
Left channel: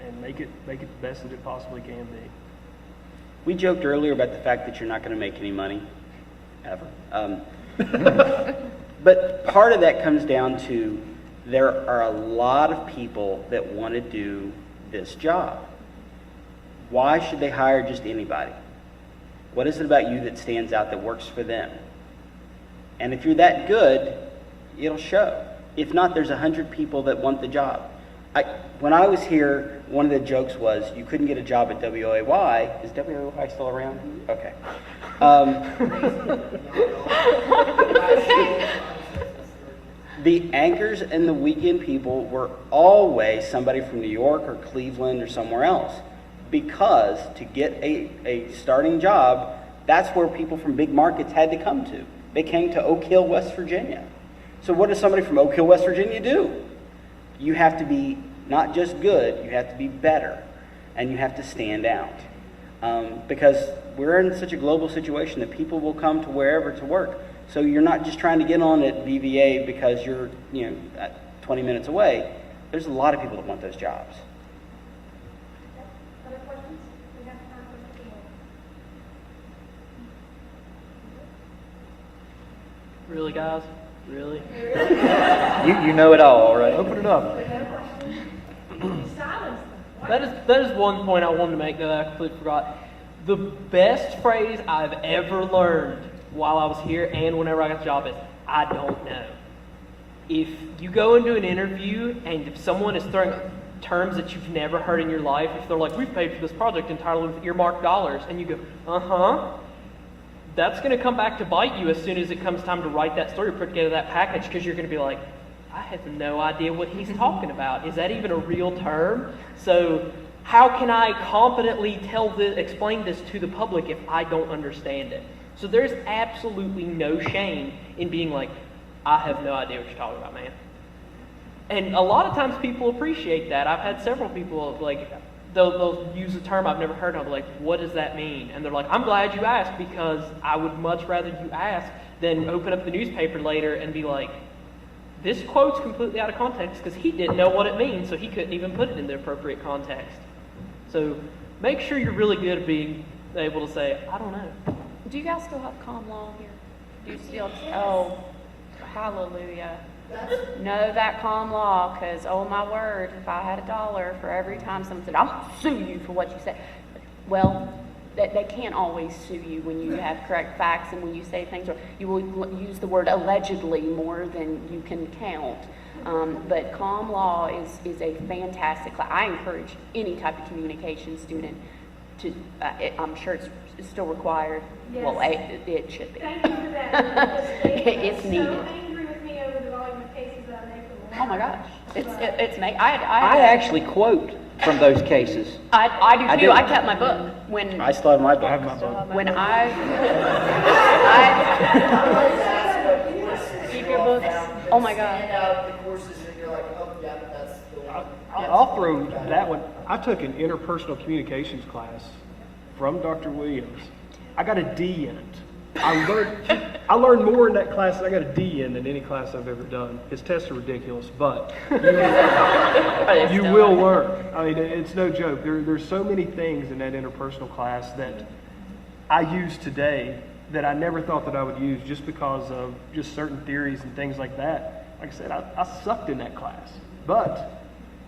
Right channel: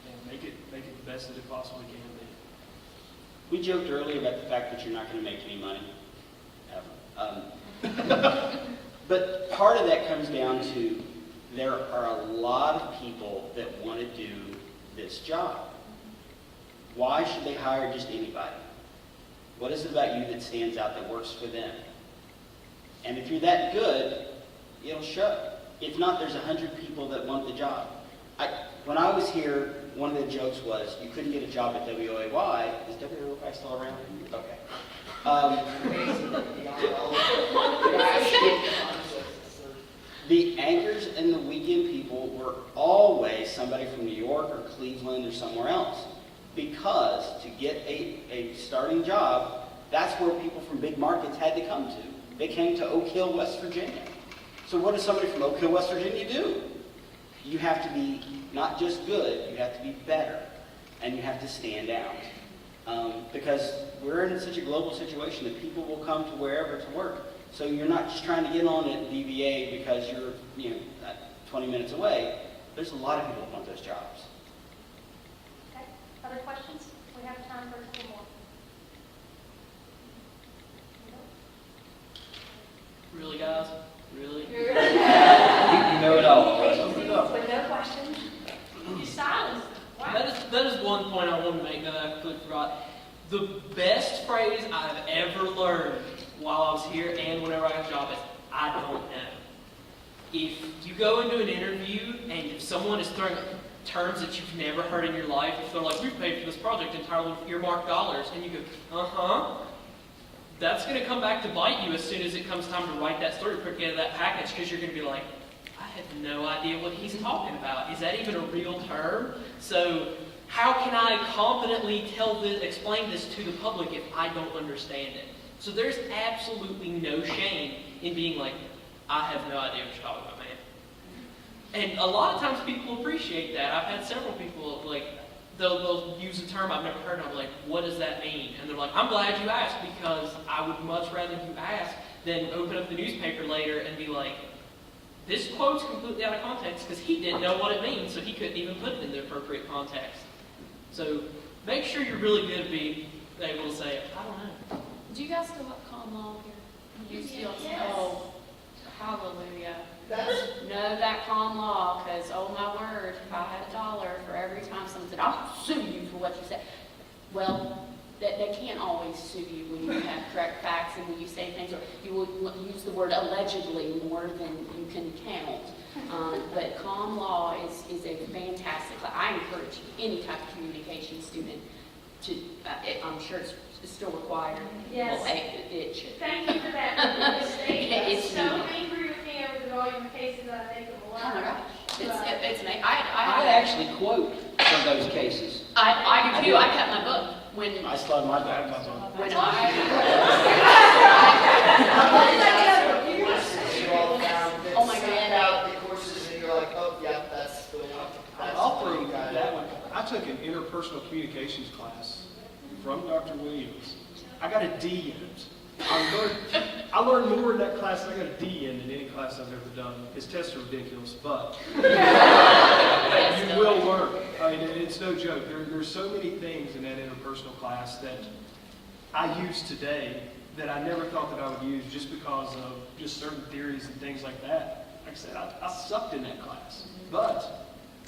and make it the best that it possibly can be. We joked earlier about the fact that you're not going to make any money, ever. But part of that comes down to there are a lot of people that want to do this job. Why should they hire just anybody? What is it about you that stands out that works for them? And if you're that good, it'll show. If not, there's 100 people that want the job. When I was here, one of the jokes was you couldn't get a job at WOAY. Is WOAY still around? Okay. The anchors and the weekend people were always somebody from New York or Cleveland or somewhere else. Because to get a starting job, that's where people from big markets had to come to. They came to Oak Hill, West Virginia. So what does somebody from Oak Hill, West Virginia do? You have to be not just good, you have to be better, and you have to stand out. Because we're in such a global situation that people will come to wherever to work. So you're not just trying to get on at VVA because you're 20 minutes away. There's a lot of people that want those jobs. Okay. Other questions? We have time for a couple more. Really, guys? Really? You know it all, right? Open it up. With no question? You silenced them. That is one point I wanted to make that I completely forgot. The best phrase I've ever learned while I was here and whenever I got a job is, I don't know. If you go into an interview and if someone is throwing terms that you've never heard in your life, if they're like, we paid for this project entirely with earmarked dollars, and you go, that's going to come back to bite you as soon as it comes time to write that story, put together that package, because you're going to be like, I have no idea what he's talking about. Is that even a real term? So how can I competently explain this to the public if I don't understand it? So there's absolutely no shame in being like, I have no idea what you're talking about, man. And a lot of times people appreciate that. I've had several people, like, they'll use a term I've never heard of, like, what does that mean? And they're like, I'm glad you asked, because I would much rather you ask than open up the newspaper later and be like, this quote's completely out of context because he didn't know what it means, so he couldn't even put it in the appropriate context. So make sure you're really good at being able to say, I don't know. Do you guys still have common law here? Do you still, oh, hallelujah. Know that common law, because, oh my word, if I had $1 for every time someone said, I'll sue you for what you said. Well, they can't always sue you when you have correct facts and when you say things, or you will use the word allegedly more than you can count. But common law is a fantastic class. I encourage any type of communication student to, I'm sure it's still required. Yes. Well, it should be. Thank you for that. It's so needed. angry with me over the volume of cases that I make them. Oh my gosh. It's me. I actually quote from those cases. I do I too. do. I kept my book when I still have my book. when oh my Stand god. out the courses and you're like, oh yeah, that's the one. I'll throw that one. I took an interpersonal communications class from Dr. Williams. I got a D in it. I learned more in that class. I got a D in than any class I've ever done. His tests are ridiculous, but you will learn. I mean, it's no joke. There's so many things in that interpersonal class that I use today that I never thought that I would use just because of just certain theories and things like that. Like I said, I sucked in that class, but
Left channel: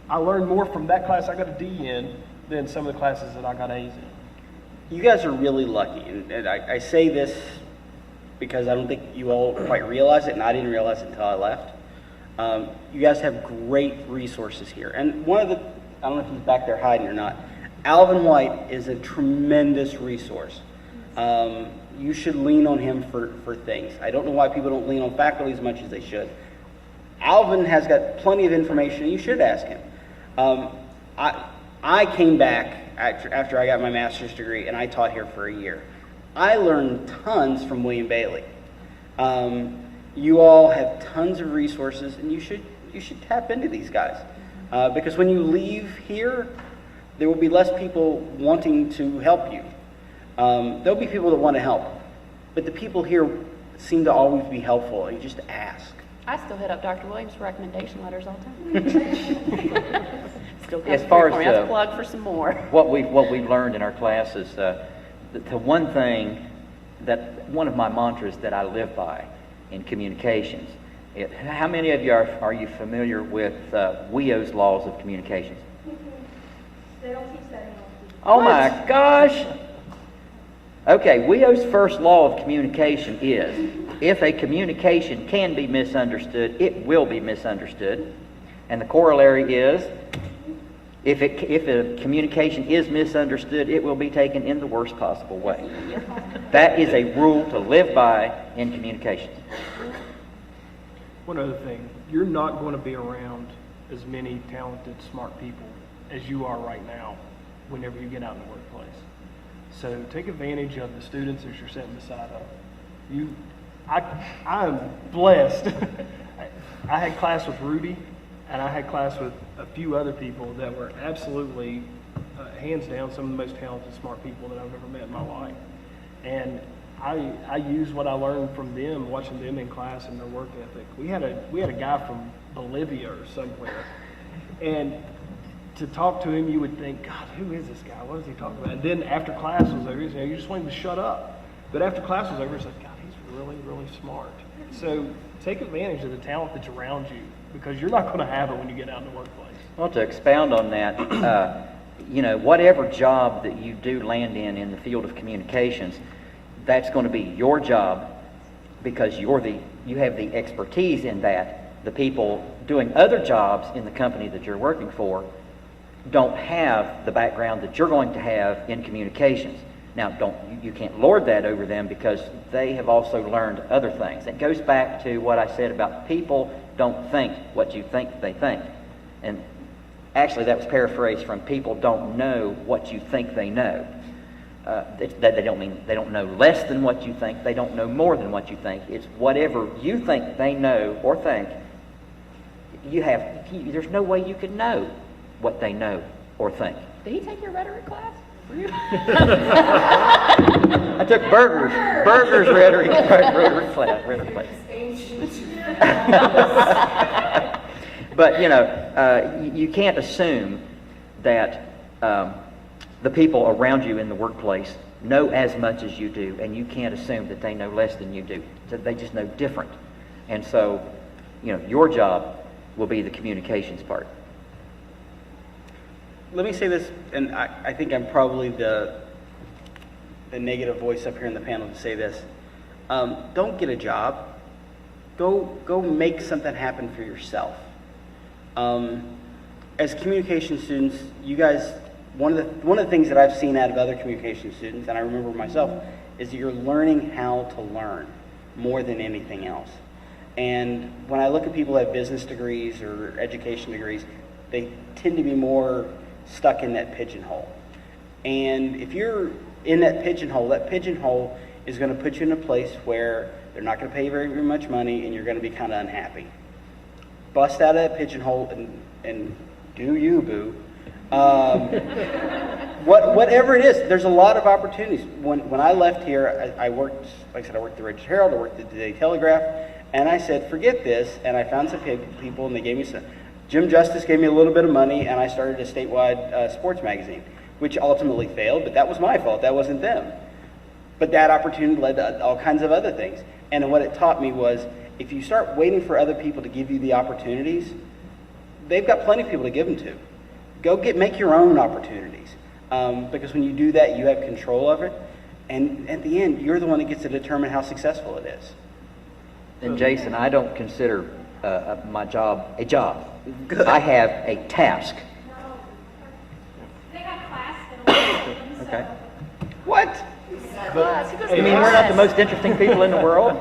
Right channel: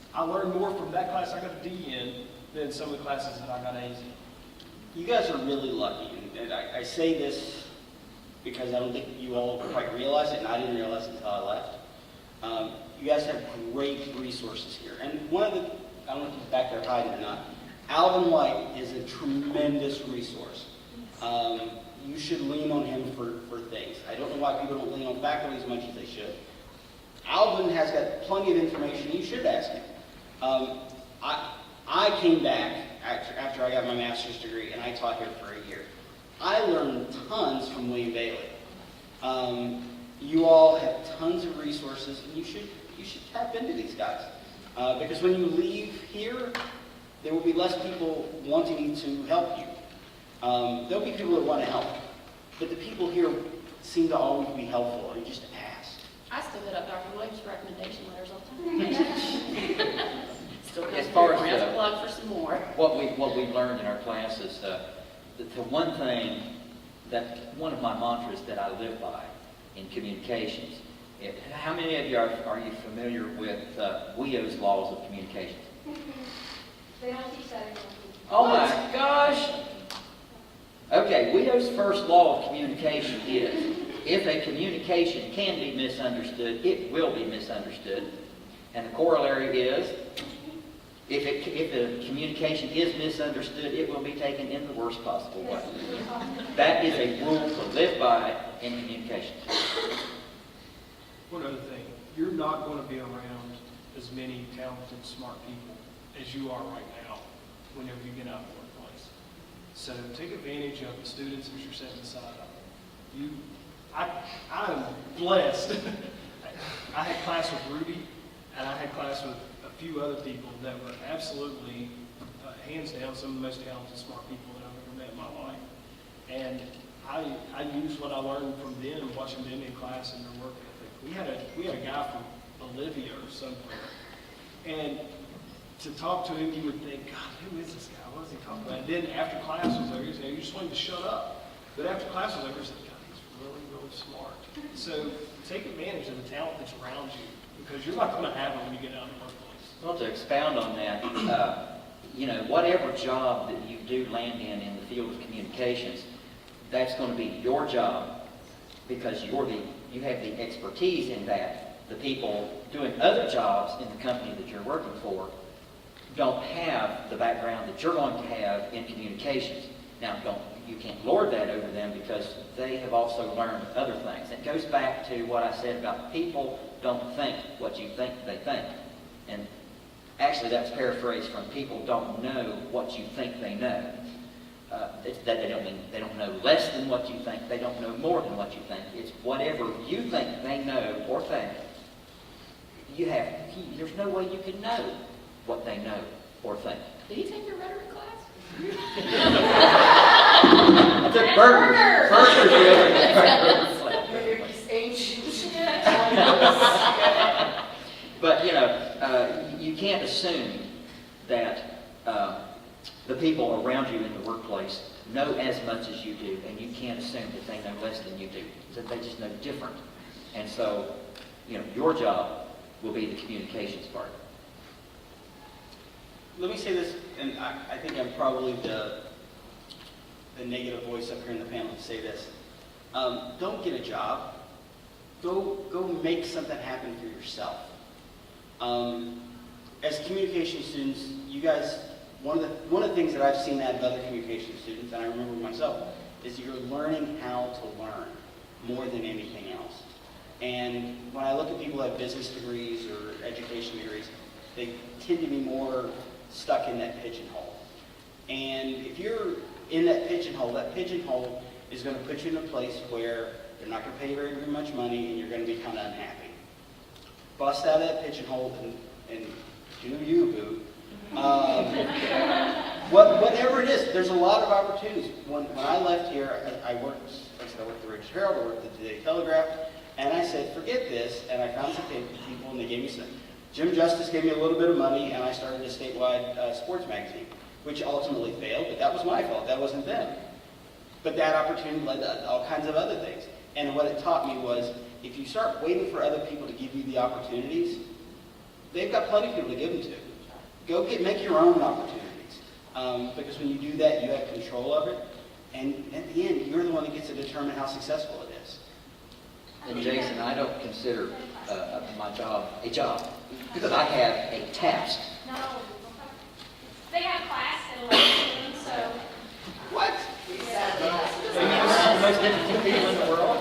I learned more from that class I got a D in than some of the classes that I got A's in. You guys are really lucky, and I say this because I don't think you all quite realize it, and I didn't realize it until I left. You guys have great resources here, and one of the, I don't know if he's back there hiding or not, Alvin White is a tremendous resource. You should lean on him for things. I don't know why people don't lean on faculty as much as they should. Alvin has got plenty of information. You should ask him. I came back after I got my master's degree, and I taught here for a year. I learned tons from William Bailey. You all have tons of resources, and you should tap into these guys. Because when you leave here, there will be less people wanting to help you. There'll be people that want to help, but the people here seem to always be helpful, and you just ask. I still hit up Dr. Williams for recommendation letters all the time. Still As far as, a plug for some more. What we've learned in our classes, the one thing that, one of my mantras that I live by in communications, how many of you are you familiar with WIO's laws of communication? They don't teach that anymore. Oh my gosh! Okay, WIO's first law of communication is, if a communication can be misunderstood, it will be misunderstood. And the corollary is, if a communication is misunderstood, it will be taken in the worst possible way. That is a rule to live by in communication. One other thing, you're not going to be around as many talented, smart people as you are right now whenever you get out in the workplace. So take advantage of the students that you're sitting beside of. I'm blessed. I had class with Rudy, and I had class with a few other people that were absolutely, hands down, some of the most talented, smart people that I've ever met in my life. And I use what I learned from them, watching them in class and their work ethic. We had a guy from Bolivia or somewhere, and to talk to him, you would think, God, who is this guy? What is he talking about? And then after class was over, you just want him to shut up. But after class was over, it's like, God, he's really, really smart. So take advantage of the talent that's around you, because you're not going to have it when you get out in the workplace. Well, to expound on that, whatever job that you do land in the field of communications, that's going to be your job, because you have the expertise in that. The people doing other jobs in the company that you're working for don't have the background that you're going to have in communications. Now, you can't lord that over them because they have also learned other things. It goes back to what I said about people don't think what you think they think. And actually, that's paraphrased from people don't know what you think they know. That they don't know less than what you think. They don't know more than what you think. It's whatever you think they know or think. There's no way you could know what they know or think. Did he take your rhetoric class? I took Berger's rhetoric class. But you can't assume that the people around you in the workplace know as much as you do, and you can't assume that they know less than you do. That they just know different. And so, your job will be the communications part. Let me say this, and I think I'm probably the negative voice up here in the panel to say this. Don't get a job. Go make something happen for yourself. As communication students, you guys, one of the things that I've seen out of other communication students, and I remember myself, is that you're learning how to learn more than anything else. And when I look at people who have business degrees or education degrees, they tend to be more stuck in that pigeonhole. And if you're in that pigeonhole is going to put you in a place where they're not going to pay you very, very much money and you're going to be kind of unhappy. Bust out of that pigeonhole and do you, boo. Whatever it is, there's a lot of opportunities. When I left here, I worked, like I said, I worked at the Register Herald, I worked at the Daily Telegraph, and I said, forget this, and I found some people, and they gave me some. Jim Justice gave me a little bit of money, and I started a statewide sports magazine, which ultimately failed, but that was my fault. That wasn't them. But that opportunity led to all kinds of other things. And what it taught me was, if you start waiting for other people to give you the opportunities, they've got plenty of people to give them to. Make your own opportunities. Because when you do that, you have control of it. And at the end, you're the one that gets to determine how successful it is. And Jason, I don't consider my job a job. I have a task. No. They have class at 11, so. Okay. What? You mean we're not the most interesting people in the world?